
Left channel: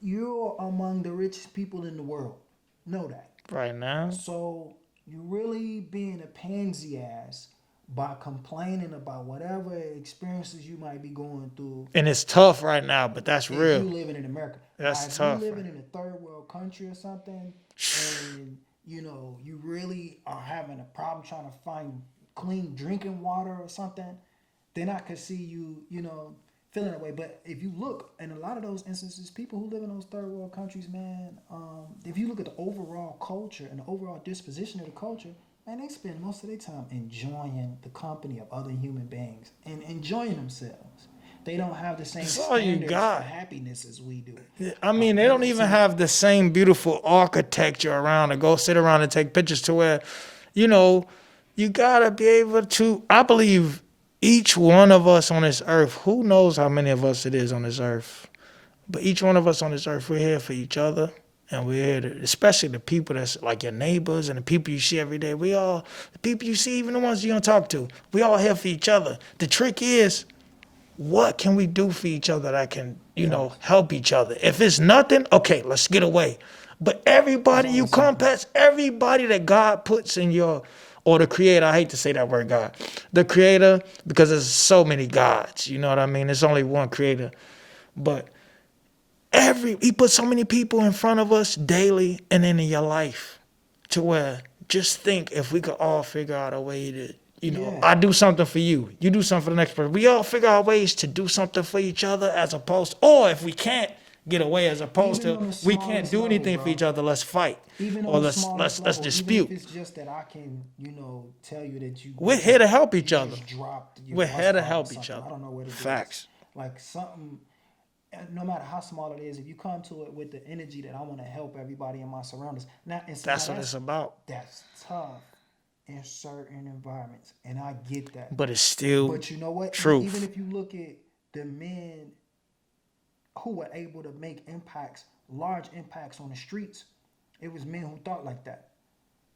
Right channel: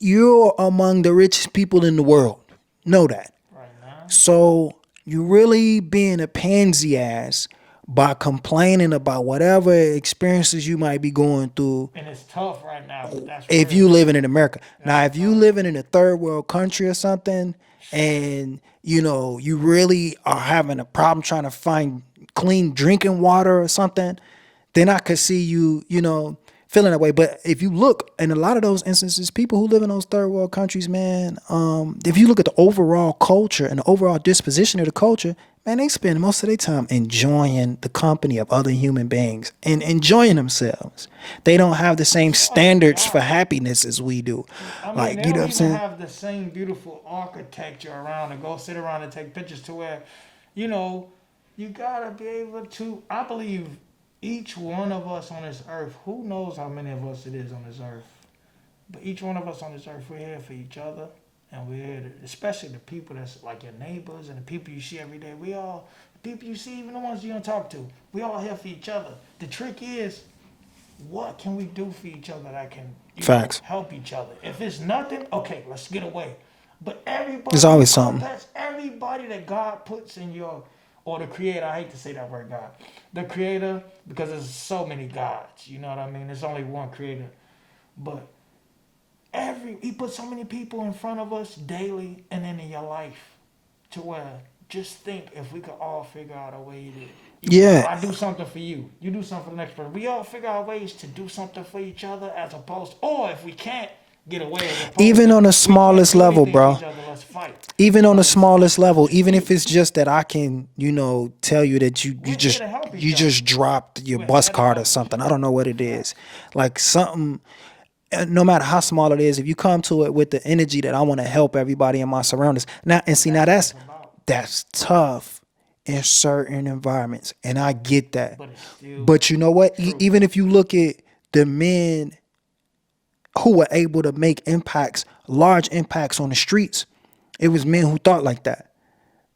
you're among the richest people in the world. Know that. Right now. So you really being a pansy ass by complaining about whatever experiences you might be going through And it's tough right now, but that's if real. you living in America. Now, That's if you tough. living in a third world country or something, and you really are having a problem trying to find clean drinking water or something, then I could see you, feeling that way. But if you look in a lot of those instances, people who live in those third world countries, man, if you look at the overall culture and the overall disposition of the culture, man, they spend most of their time enjoying the company of other human beings and enjoying themselves. They don't have the same That's all you standards for got. happiness as we do. I mean, Like, they you know don't what I'm even saying? have the same beautiful architecture around to go sit around and take pictures to where, you know, you gotta be able to. I believe each one of us on this earth, who knows how many of us it is on this earth, but each one of us on this earth, we're here for each other. And we're here to, especially the people that's like your neighbors and the people you see every day. The people you see, even the ones you don't talk to, we all here for each other. The trick is, what can we do for each other that can, Facts. help each other? If it's nothing, okay, let's get away. But There's everybody you always come something. past, everybody that God puts in your, or the creator, I hate to say that word God, the creator, because there's so many gods, you know what I mean? There's only one creator. But he put so many people in front of us daily and in your life to where just think if we could all figure out a way to, Yeah. I do something for you, you do something for the next person. We all figure out ways to do something for each other as opposed, or if we can't get away as opposed Even to on the we can't smallest do level, anything for bro. each other, let's fight. Even on Or the let's smallest level, even if dispute. it's just that I can, tell you that you We're here just to help you each other. just dropped your We're bus here to card or help each something. I other. don't know what it is. Facts. Like something, no matter how small it is, if you come to it with the energy that I want to help everybody in my surroundings. Now and see now That's what it's about. that's tough in certain environments, and I get that. But it's still But you know what? Even truth. if you look at the men who were able to make impacts, large impacts on the streets, it was men who thought like that.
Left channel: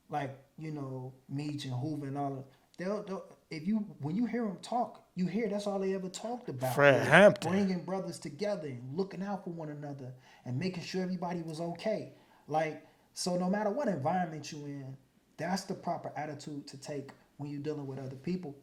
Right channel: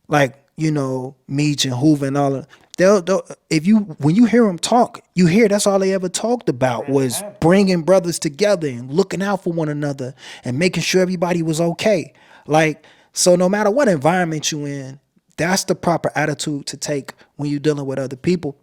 Like, Meach and Hoover and all of they'll if you when you hear them talk, you hear that's all they ever talked about Fred was Hampton. bringing brothers together and looking out for one another and making sure everybody was okay. Like, so no matter what environment you in, that's the proper attitude to take when you're dealing with other people.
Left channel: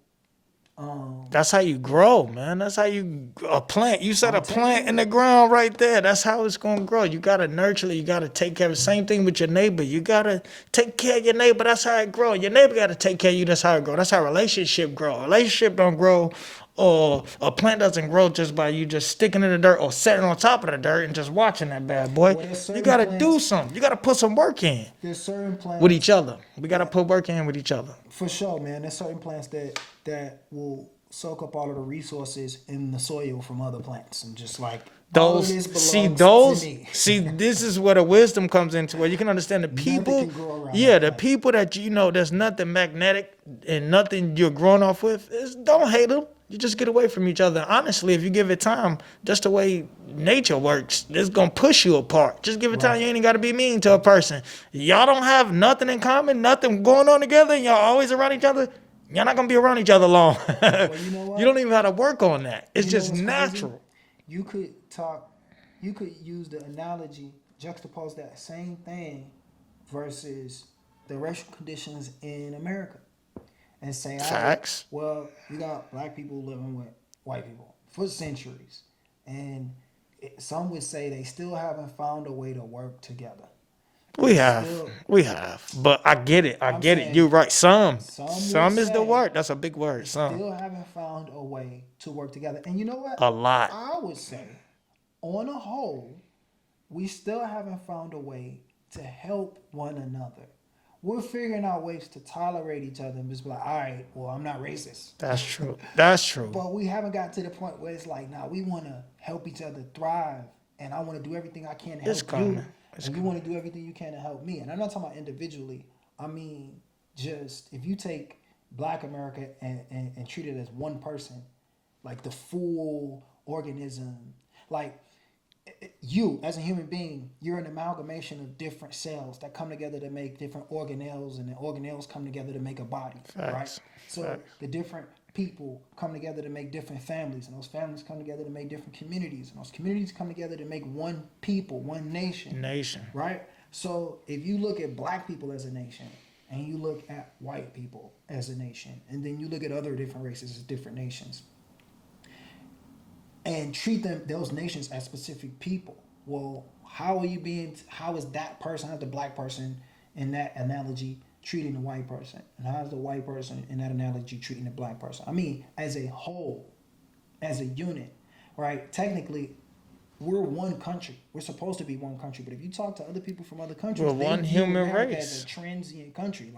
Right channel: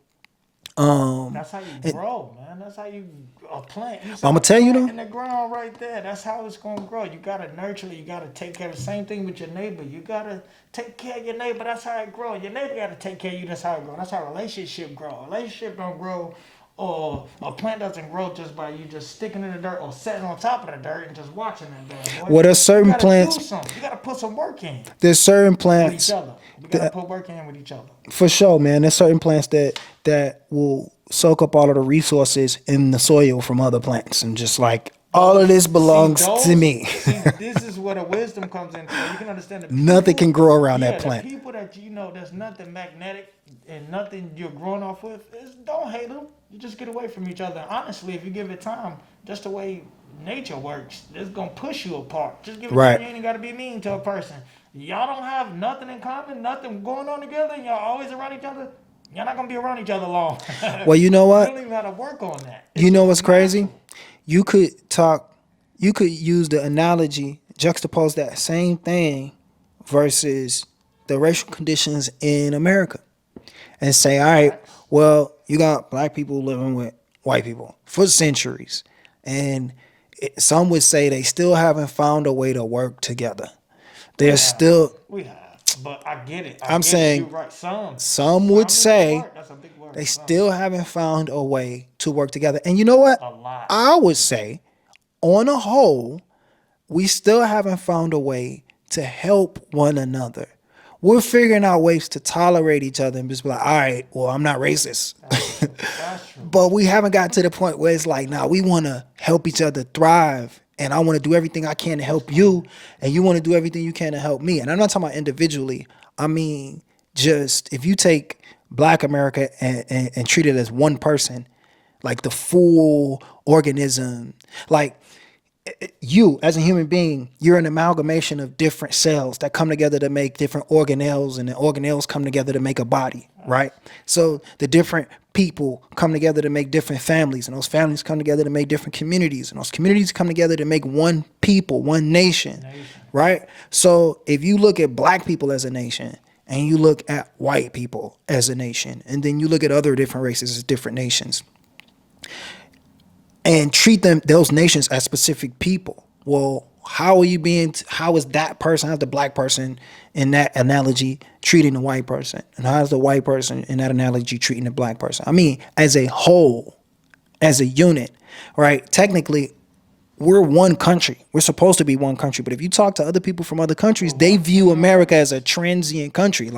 That's how you grow, man. That's how you a plant. You I'm set gonna a tell you plant though, in the ground right there. That's how it's gonna grow. You gotta nurture it. You gotta take care of it. Same thing with your neighbor. You gotta take care of your neighbor. That's how it grow. Your neighbor gotta take care of you. That's how it grow. That's how relationship grow. Relationship don't grow or a plant doesn't grow just by you just sticking in the dirt or sitting on top of the dirt and just watching that bad boy. Well, there's You certain gotta do plants. something. You gotta put some work in There's certain with each plants other. We gotta put work in with each other. for sure, man. There's certain plants that will soak up all of the resources in the soil from other plants, and just like all of this belongs to me. See, this is where the wisdom comes into where you can understand the people. Nothing can grow around yeah, that the plant. people that there's nothing magnetic and nothing you're growing off with. Don't hate them. You just get away from each other. Honestly, if you give it time, just the way nature works, it's gonna push you apart. Just give it Right. time. You ain't gotta be mean to a person. Y'all don't have nothing in common, nothing going on together, and y'all always around each other. Y'all not gonna be around each other long. Well, you know what? You don't even have to work on that. It's You know just what's crazy? natural. You could use the analogy, juxtapose that same thing versus the racial conditions in America, and say, all right, Facts. well, you got black people living with white people for centuries, and some would say they still haven't found a way to work together. We have, but I get it. I'm saying you're right. Some would is say the word. That's a big word. they Some. still haven't found a way to work together. And you know what? A lot. I would say, on a whole, we still haven't found a way to help one another. We're figuring out ways to tolerate each other and just be like, all right, well, I'm not racist. That's true. That's true. But we haven't gotten to the point where it's like, nah, we want to help each other thrive. And I want to do everything I can to help you. And you want to do everything you can to help me. And I'm not talking about individually. I mean, just if you take Black America and treat it as one person, like the full organism, like you as a human being, you're an amalgamation of different cells that come together to make different organelles, and the organelles come together to make a body, right? So the different people come together to make different families, and those families come together to make different communities, and those communities come together to make one people, one nation. Right? So if you look at black people as a nation, and you look at white people as a nation, and then you look at other different races as different nations, and treat those nations as specific people. Well, how is that person, how's the black person in that analogy treating the white person? And how's the white person in that analogy treating the black person? I mean, as a whole, as a unit, right? Technically, we're one country. We're supposed to be one country. But if you talk to other people from other countries, they view America as a transient country.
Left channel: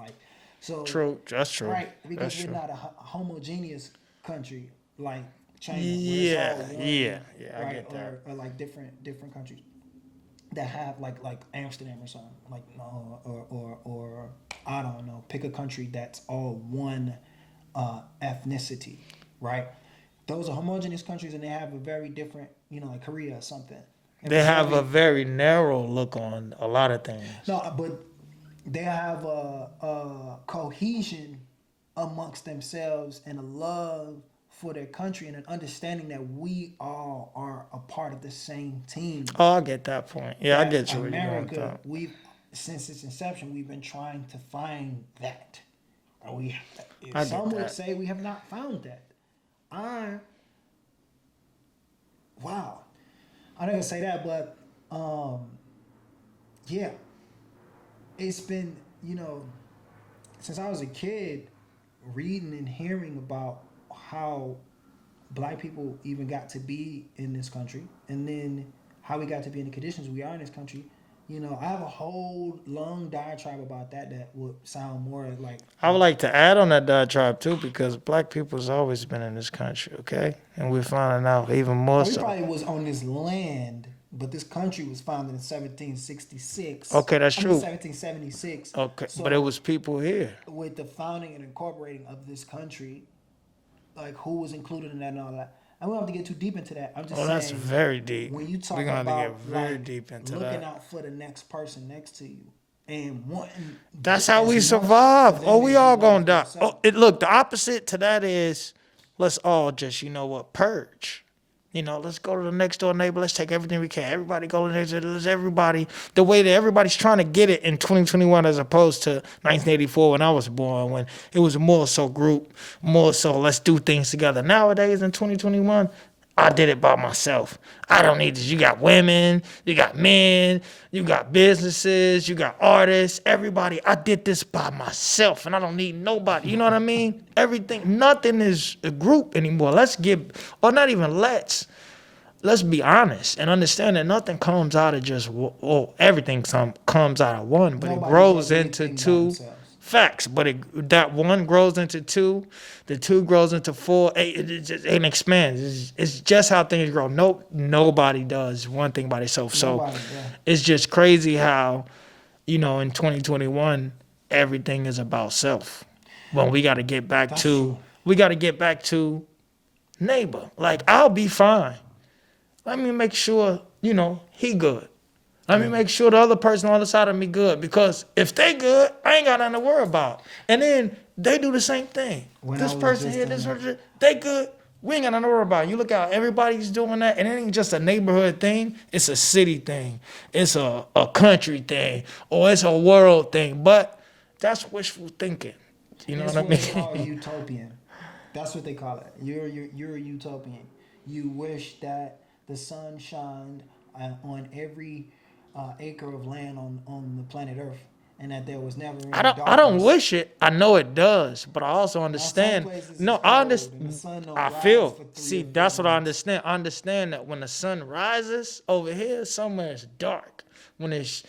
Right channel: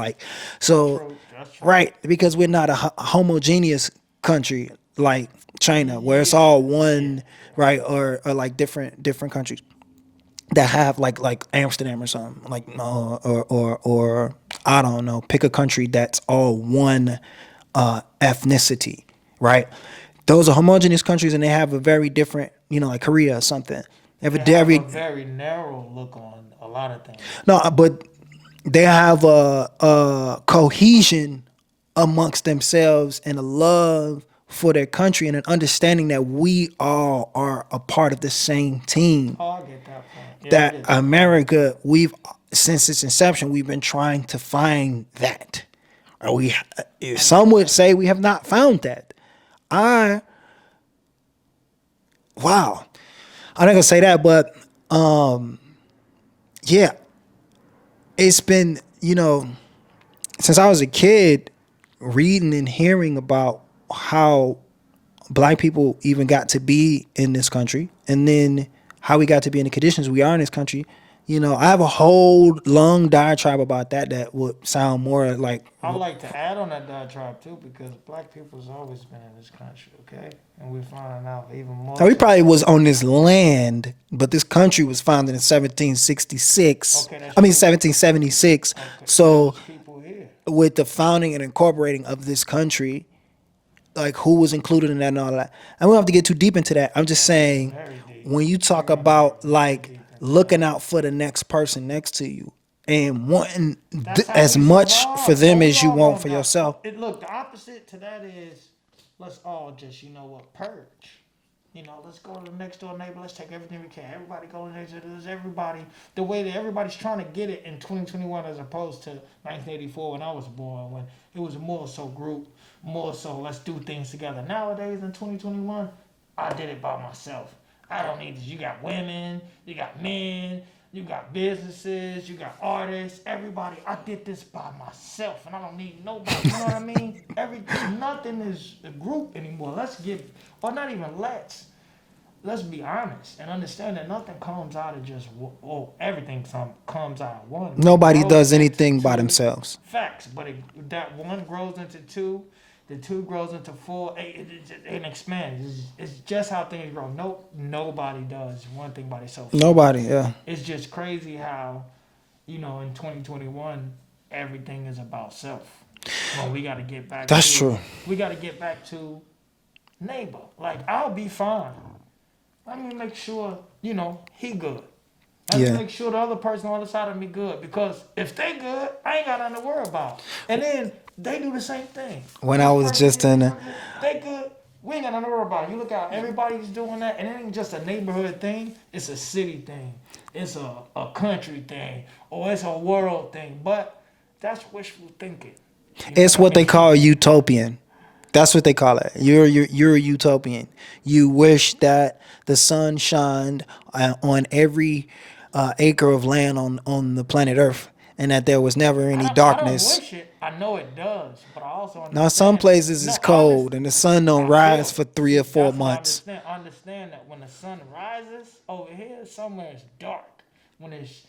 True. That's true. Right, because we're not a homogeneous country like China, where it's all one, right? Or like different countries that have like Amsterdam or something, like or I don't know, pick a country that's all one ethnicity, right? Those are homogeneous countries, and they have a very different, like Korea or something. They have a very narrow look on a lot of things. No, but they have a cohesion amongst themselves and a love for their country and an understanding that we all are a part of the same team. Oh, I get that point. Yeah, that I get you. America, since its inception, we've been trying to find that. Some would say we have not found that. I'm not gonna say that, but yeah, it's been, since I was a kid, reading and hearing about how black people even got to be in this country, and then how we got to be in the conditions we are in this country. I have a whole long diatribe about that would sound more like... I would like to add on that diatribe too, because black people's always been in this country, okay? And we're finding out even more. We probably was on this land, but this country was founded in 1766. Okay, that's true. 1776. Okay, so but there was people here. With the founding and incorporating of this country, like who was included in that and all that. And we don't have to get too deep into that. I'm just saying, very deep. When you talk about like looking out for the next person next to you and wanting as much for them as you want for yourself. Look, the opposite to that is let's all just, purge. Let's go to the next door neighbor. Let's take everything we can. Everybody go to the next door. Let's everybody, the way that everybody's trying to get it in 2021 as opposed to 1984 when I was born, when it was more so group, more so let's do things together. Nowadays in 2021, I did it by myself. I don't need this. You got women, you got men, you got businesses, you got artists, everybody. I did this by myself and I don't need nobody. You know what I mean? Everything, nothing is a group anymore. Or not even let's be honest and understand that nothing comes out of just, everything comes out of one. Nobody grows does into anything by two. themselves. Facts, but that one grows into two, the two grows into four, it expands. It's just how things grow. Nobody does one thing by themselves. Nobody, yeah. It's just crazy how, in 2021, everything is about self. Well, we got to get back That's true. We got to get back to neighbor. Like, I'll be fine. Let me make sure, he good. Let me make sure the other person on the other side of me good. Because if they good, I ain't got nothing to worry about. And then they do the same thing. When I was just in there. They good. We ain't got nothing to worry about. You look out, everybody's doing that. And it ain't just a neighborhood thing. It's a city thing. It's a country thing. Or it's a world thing. But that's wishful thinking. It's what they call utopian. That's what they call it. You're a utopian. You wish that the sun shined on every acre of land on the planet Earth, and that there was never any darkness. I don't wish it. I know it does, but I also understand. Now, some places it's cold and the sun don't rise for 3 or 4 months. That's what I understand. I understand that when the sun rises over here, somewhere it's dark. When it's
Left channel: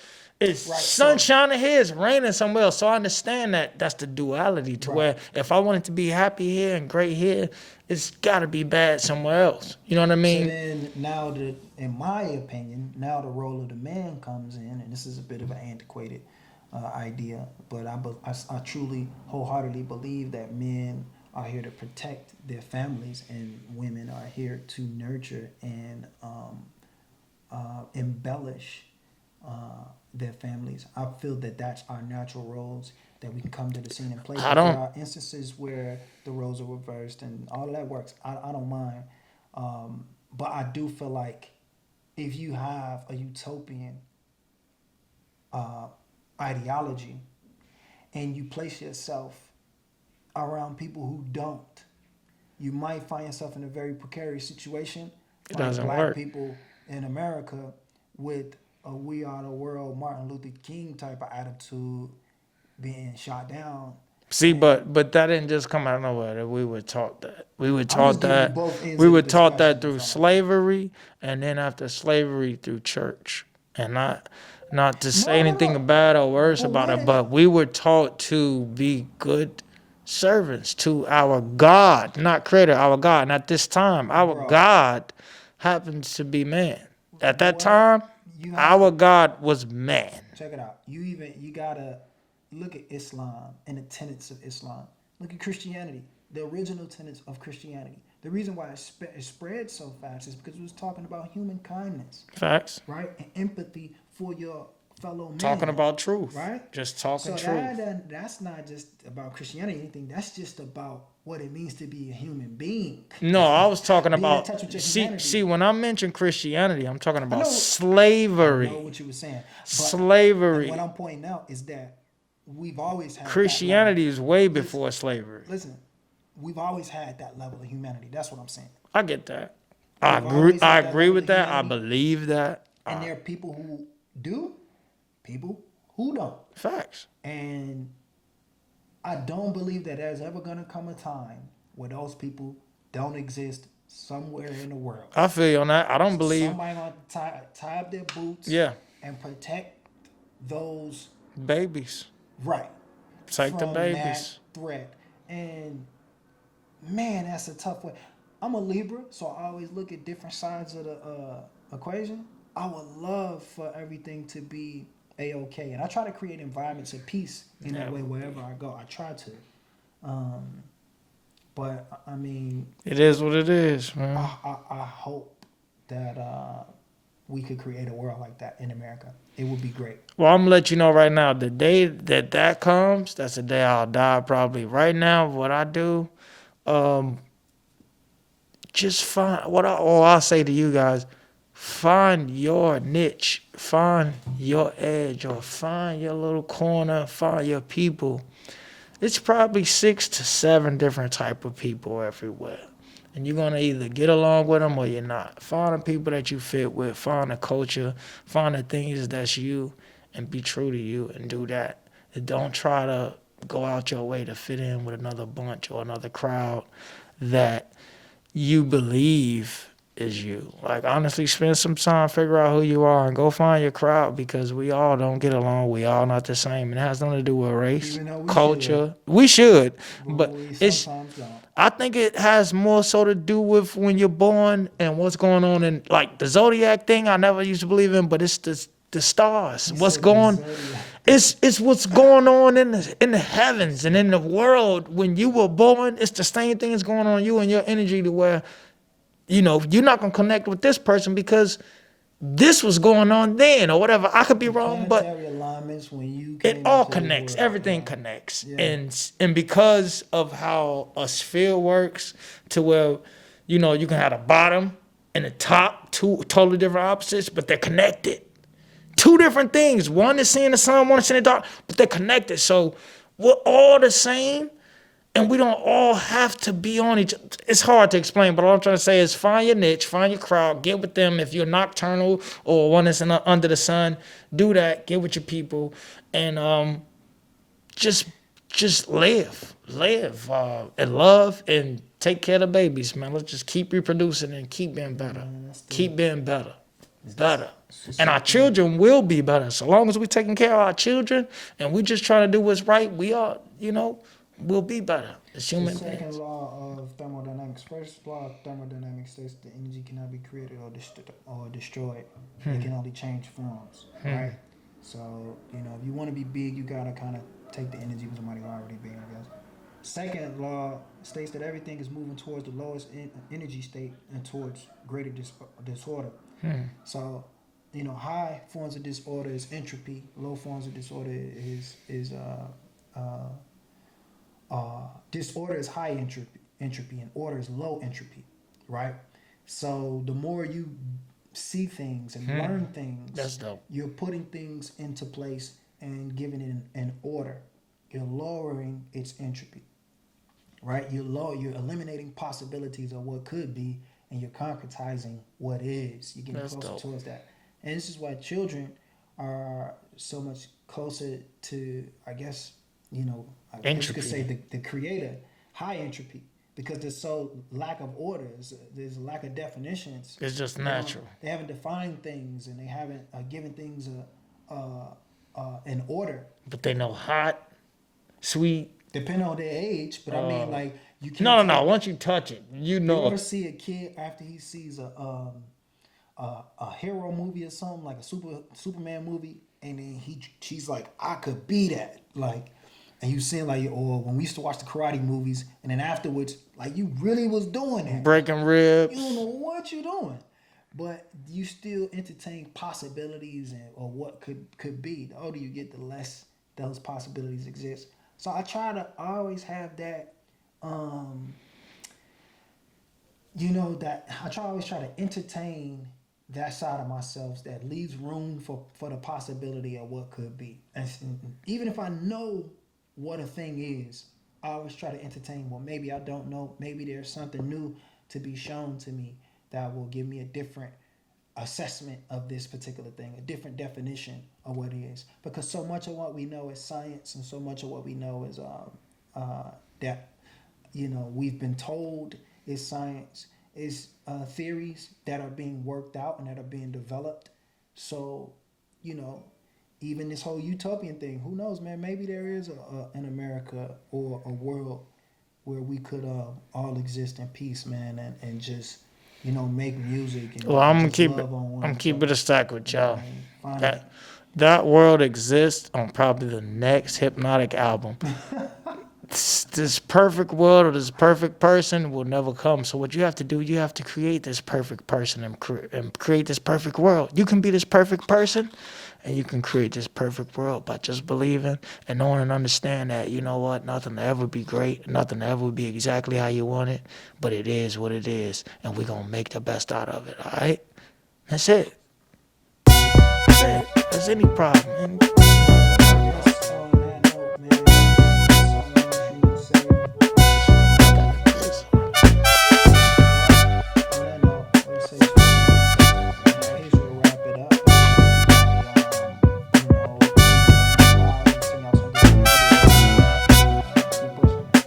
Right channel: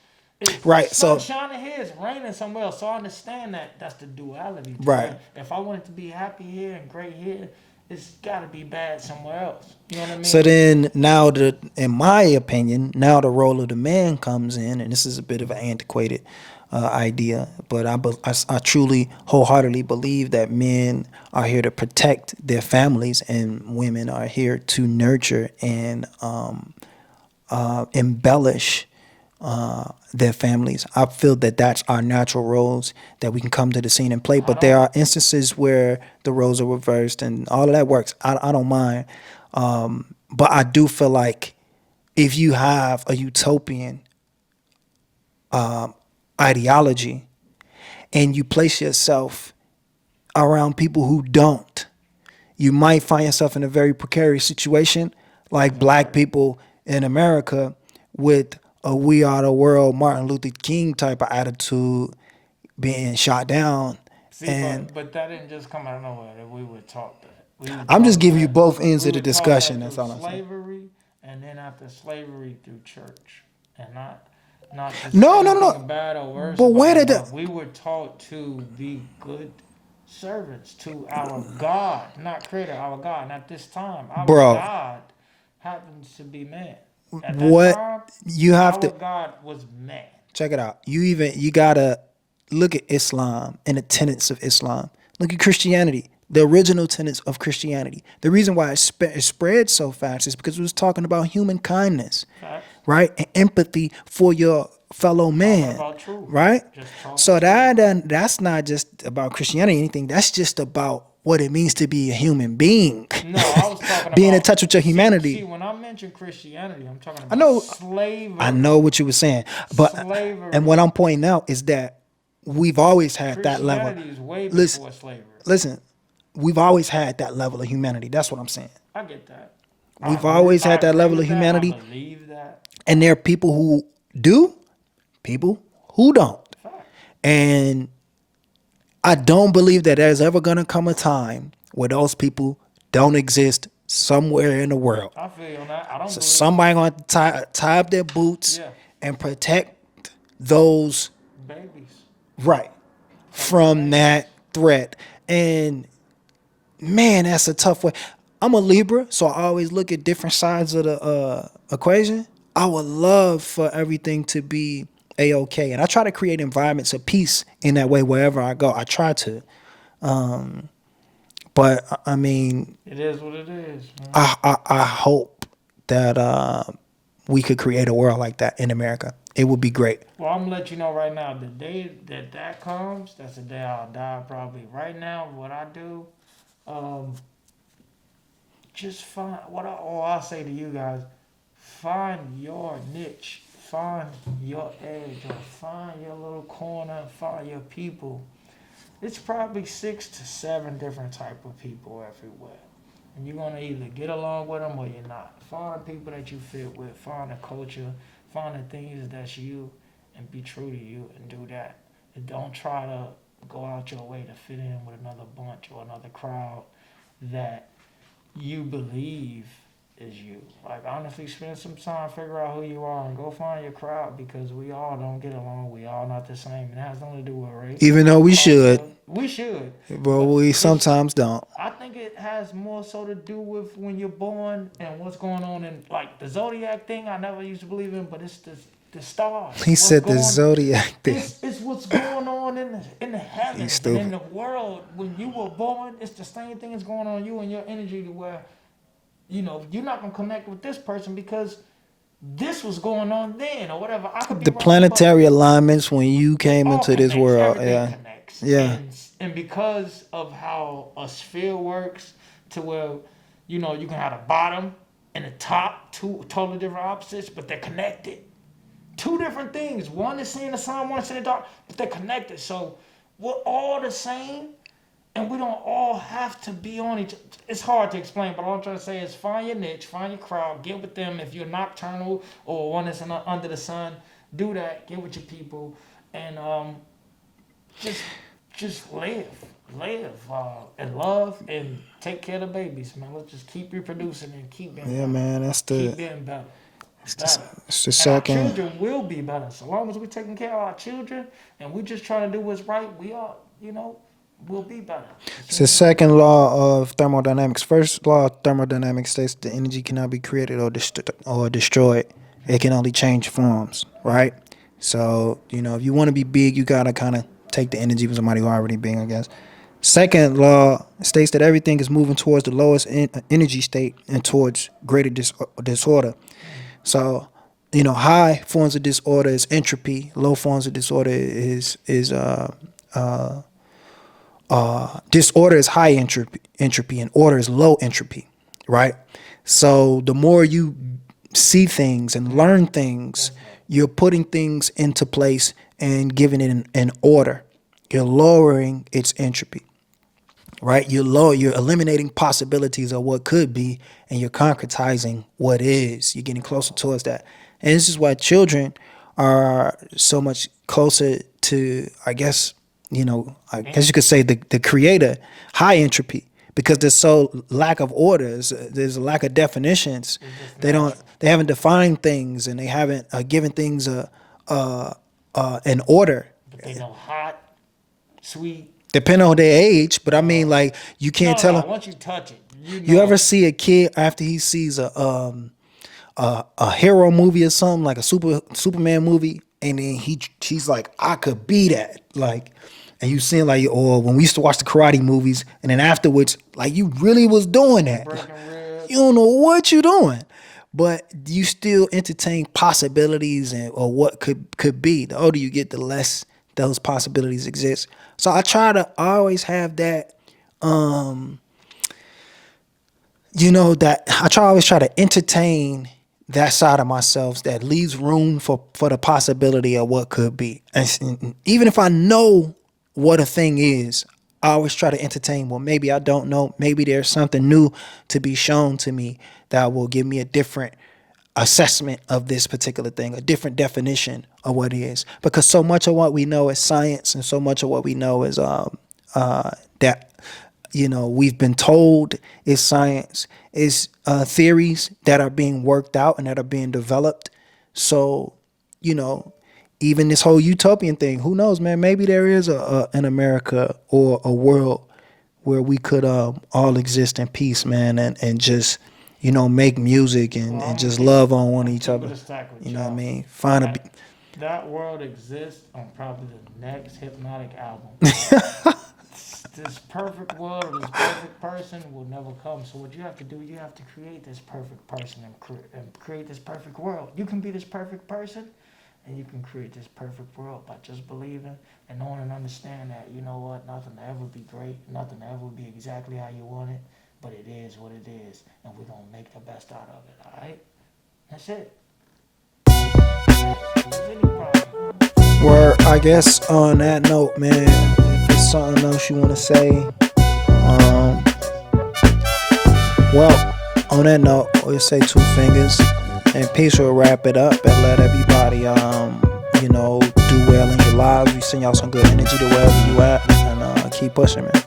right, sun shining here, it's raining somewhere else. So I understand that that's the duality. Where if I want it to be happy here and great here, it's got to be bad somewhere else. You know what I mean? So then now, in my opinion, now the role of the man comes in, and this is a bit of an antiquated idea, but I truly, wholeheartedly believe that men are here to protect their families and women are here to nurture and embellish their families. I feel that that's our natural roles that we can come to the scene and play. But there are instances where the roles are reversed and all of that works. I don't mind. But I do feel like if you have a utopian ideology and you place yourself around people who don't, you might find yourself in a very precarious situation, like black people in America with a We Are the World Martin Luther King type of attitude being shot down. See, but that didn't just come out of nowhere. That we were taught that. I'm just giving you both ends of the discussion. We were taught that through slavery, and then after slavery through church, and not to say anything bad or worse about it, but we were taught to be good servants to our God, not creator, our God. And at this time, our God happens to be man. At that time, our God was man. Check it out. You gotta look at Islam and the tenets of Islam. Look at Christianity, the original tenets of Christianity. The reason why it spread so fast is because it was talking about human kindness. Facts. Right? And empathy for your fellow man. Talking about truth. Right? Just talking so truth. That's not just about Christianity or anything. That's just about what it means to be a human being. No, I was talking about being in touch with your humanity. See, when I mention Christianity, I'm talking about slavery. I know what you were saying. But slavery. And what I'm pointing out is that we've always had that level. Christianity is way before slavery. Listen, we've always had that level of humanity. That's what I'm saying. I get that. We've always had that level of humanity. I believe that. And there are people who do, people who don't. Facts. And I don't believe that there's ever going to come a time where those people don't exist somewhere in the world. I feel you on that. I don't believe somebody going to tie up their boots and protect those babies. Right. From that threat. And man, that's a tough way. I'm a Libra, so I always look at different sides of the equation. I would love for everything to be A-okay. And I try to create environments of peace in that way wherever I go. I try to. But, I mean... It is what it is, man. I hope that we could create a world like that in America. It would be great. Well, I'm going to let you know right now, the day that comes, that's the day I'll die probably. Right now, what I do, just find... I'll say to you guys, find your niche. Find your edge or find your little corner. Find your people. It's probably 6 to 7 different type of people everywhere. And you're going to either get along with them or you're not. Find the people that you fit with. Find the culture. Find the things that's you and be true to you and do that. And don't try to go out your way to fit in with another bunch or another crowd that you believe is you. Like, honestly, spend some time, figure out who you are, and go find your crowd, because we all don't get along. We all not the same. It has nothing to do with race. Even though we culture. should. We should. But we sometimes don't. I think it has more so to do with when you're born and what's going on in, like, the zodiac thing. I never used to believe in, but it's the stars. He said the zodiac thing. It's what's going on in the heavens and in the world. When you were born, it's the same thing that's going on in you and your energy, to where, you know, you're not gonna connect with this person because this was going on then or whatever. I could be the wrong. Planetary alignments when you came into Connects. this world. Everything connects. Yeah. And because of how a sphere works, to where, you know, you can have the bottom and the top, two totally different opposites, but they're connected. Two different things. One is seeing the sun, one is seeing the dark, but they're connected. So we're all the same, and we don't all have to be on each other. It's hard to explain, but all I'm trying to say is find your niche, find your crowd, get with them. If you're nocturnal or one that's under the sun, do that. Get with your people, and just live and love and take care of the babies, man. Let's just keep reproducing and keep being better. Man, keep being better. Better. It's And our children will be better. So long as we're taking care of our children and we just trying to do what's right, we are, you know, we'll be better. It's the second law of thermodynamics. First law of thermodynamics states the energy cannot be created or destroyed. It can only change forms, right? So, you know, if you want to be big, you got to kind of take the energy from somebody who already being, I guess. Second law states that everything is moving towards the lowest energy state and towards greater disorder. So, you know, high forms of disorder is entropy. Low forms of disorder is disorder is high entropy, and order is low entropy, right? So the more you see things and learn things, you're putting things into place and giving it an order. You're lowering its entropy, right? You're eliminating possibilities of what could be, and you're concretizing what is. You're getting closer towards that. And this is why children are so much closer to, I guess, you know, I guess you could say the creator, high entropy, because there's so lack of orders. There's a lack of definitions. It's just they haven't defined things, and they haven't given things an order. But they know hot, sweet. Depending on their age, but I mean, like, you can't tell. No, once you touch it, you know. You ever see a kid after he sees a hero movie or something, like a Superman movie, and then he's like, I could be that, like, and you see, like, or when we used to watch the karate movies, and then afterwards, like, you really was doing that, breaking ribs. You don't know what you're doing, but you still entertain possibilities or what could be. The older you get, the less those possibilities exist. So I try to always have that, you know, that I always try to entertain that side of myself that leaves room for the possibility of what could be. And even if I know what a thing is, I always try to entertain, well, maybe I don't know. Maybe there's something new to be shown to me that will give me a different assessment of this particular thing, a different definition of what it is. Because so much of what we know is science, and so much of what we know is that, you know, we've been told is science, is theories that are being worked out and that are being developed. So, you know, even this whole utopian thing, who knows, man? Maybe there is an America or a world where we could all exist in peace, man, and just, you know, make music and just love on one each other. Keep it a stack with y'all. You know what I mean? That world exists on probably the next Hypnotic album. This perfect world or this perfect person will never come. So what you have to do, you have to create this perfect person and create this perfect world. You can be this perfect person, and you can create this perfect world by just believing and knowing and understand that, you know what, nothing will ever be great, nothing will ever be exactly how you want it, but it is what it is, and we're going to make the best out of it, all right? That's it. There's any problem, man. Well, I guess on that note, man, something else you want to say? On that note, we'll say 2 fingers, and peace will wrap it up and let everybody, do well in your lives. We send y'all some good energy to wherever you at, and keep pushing, man.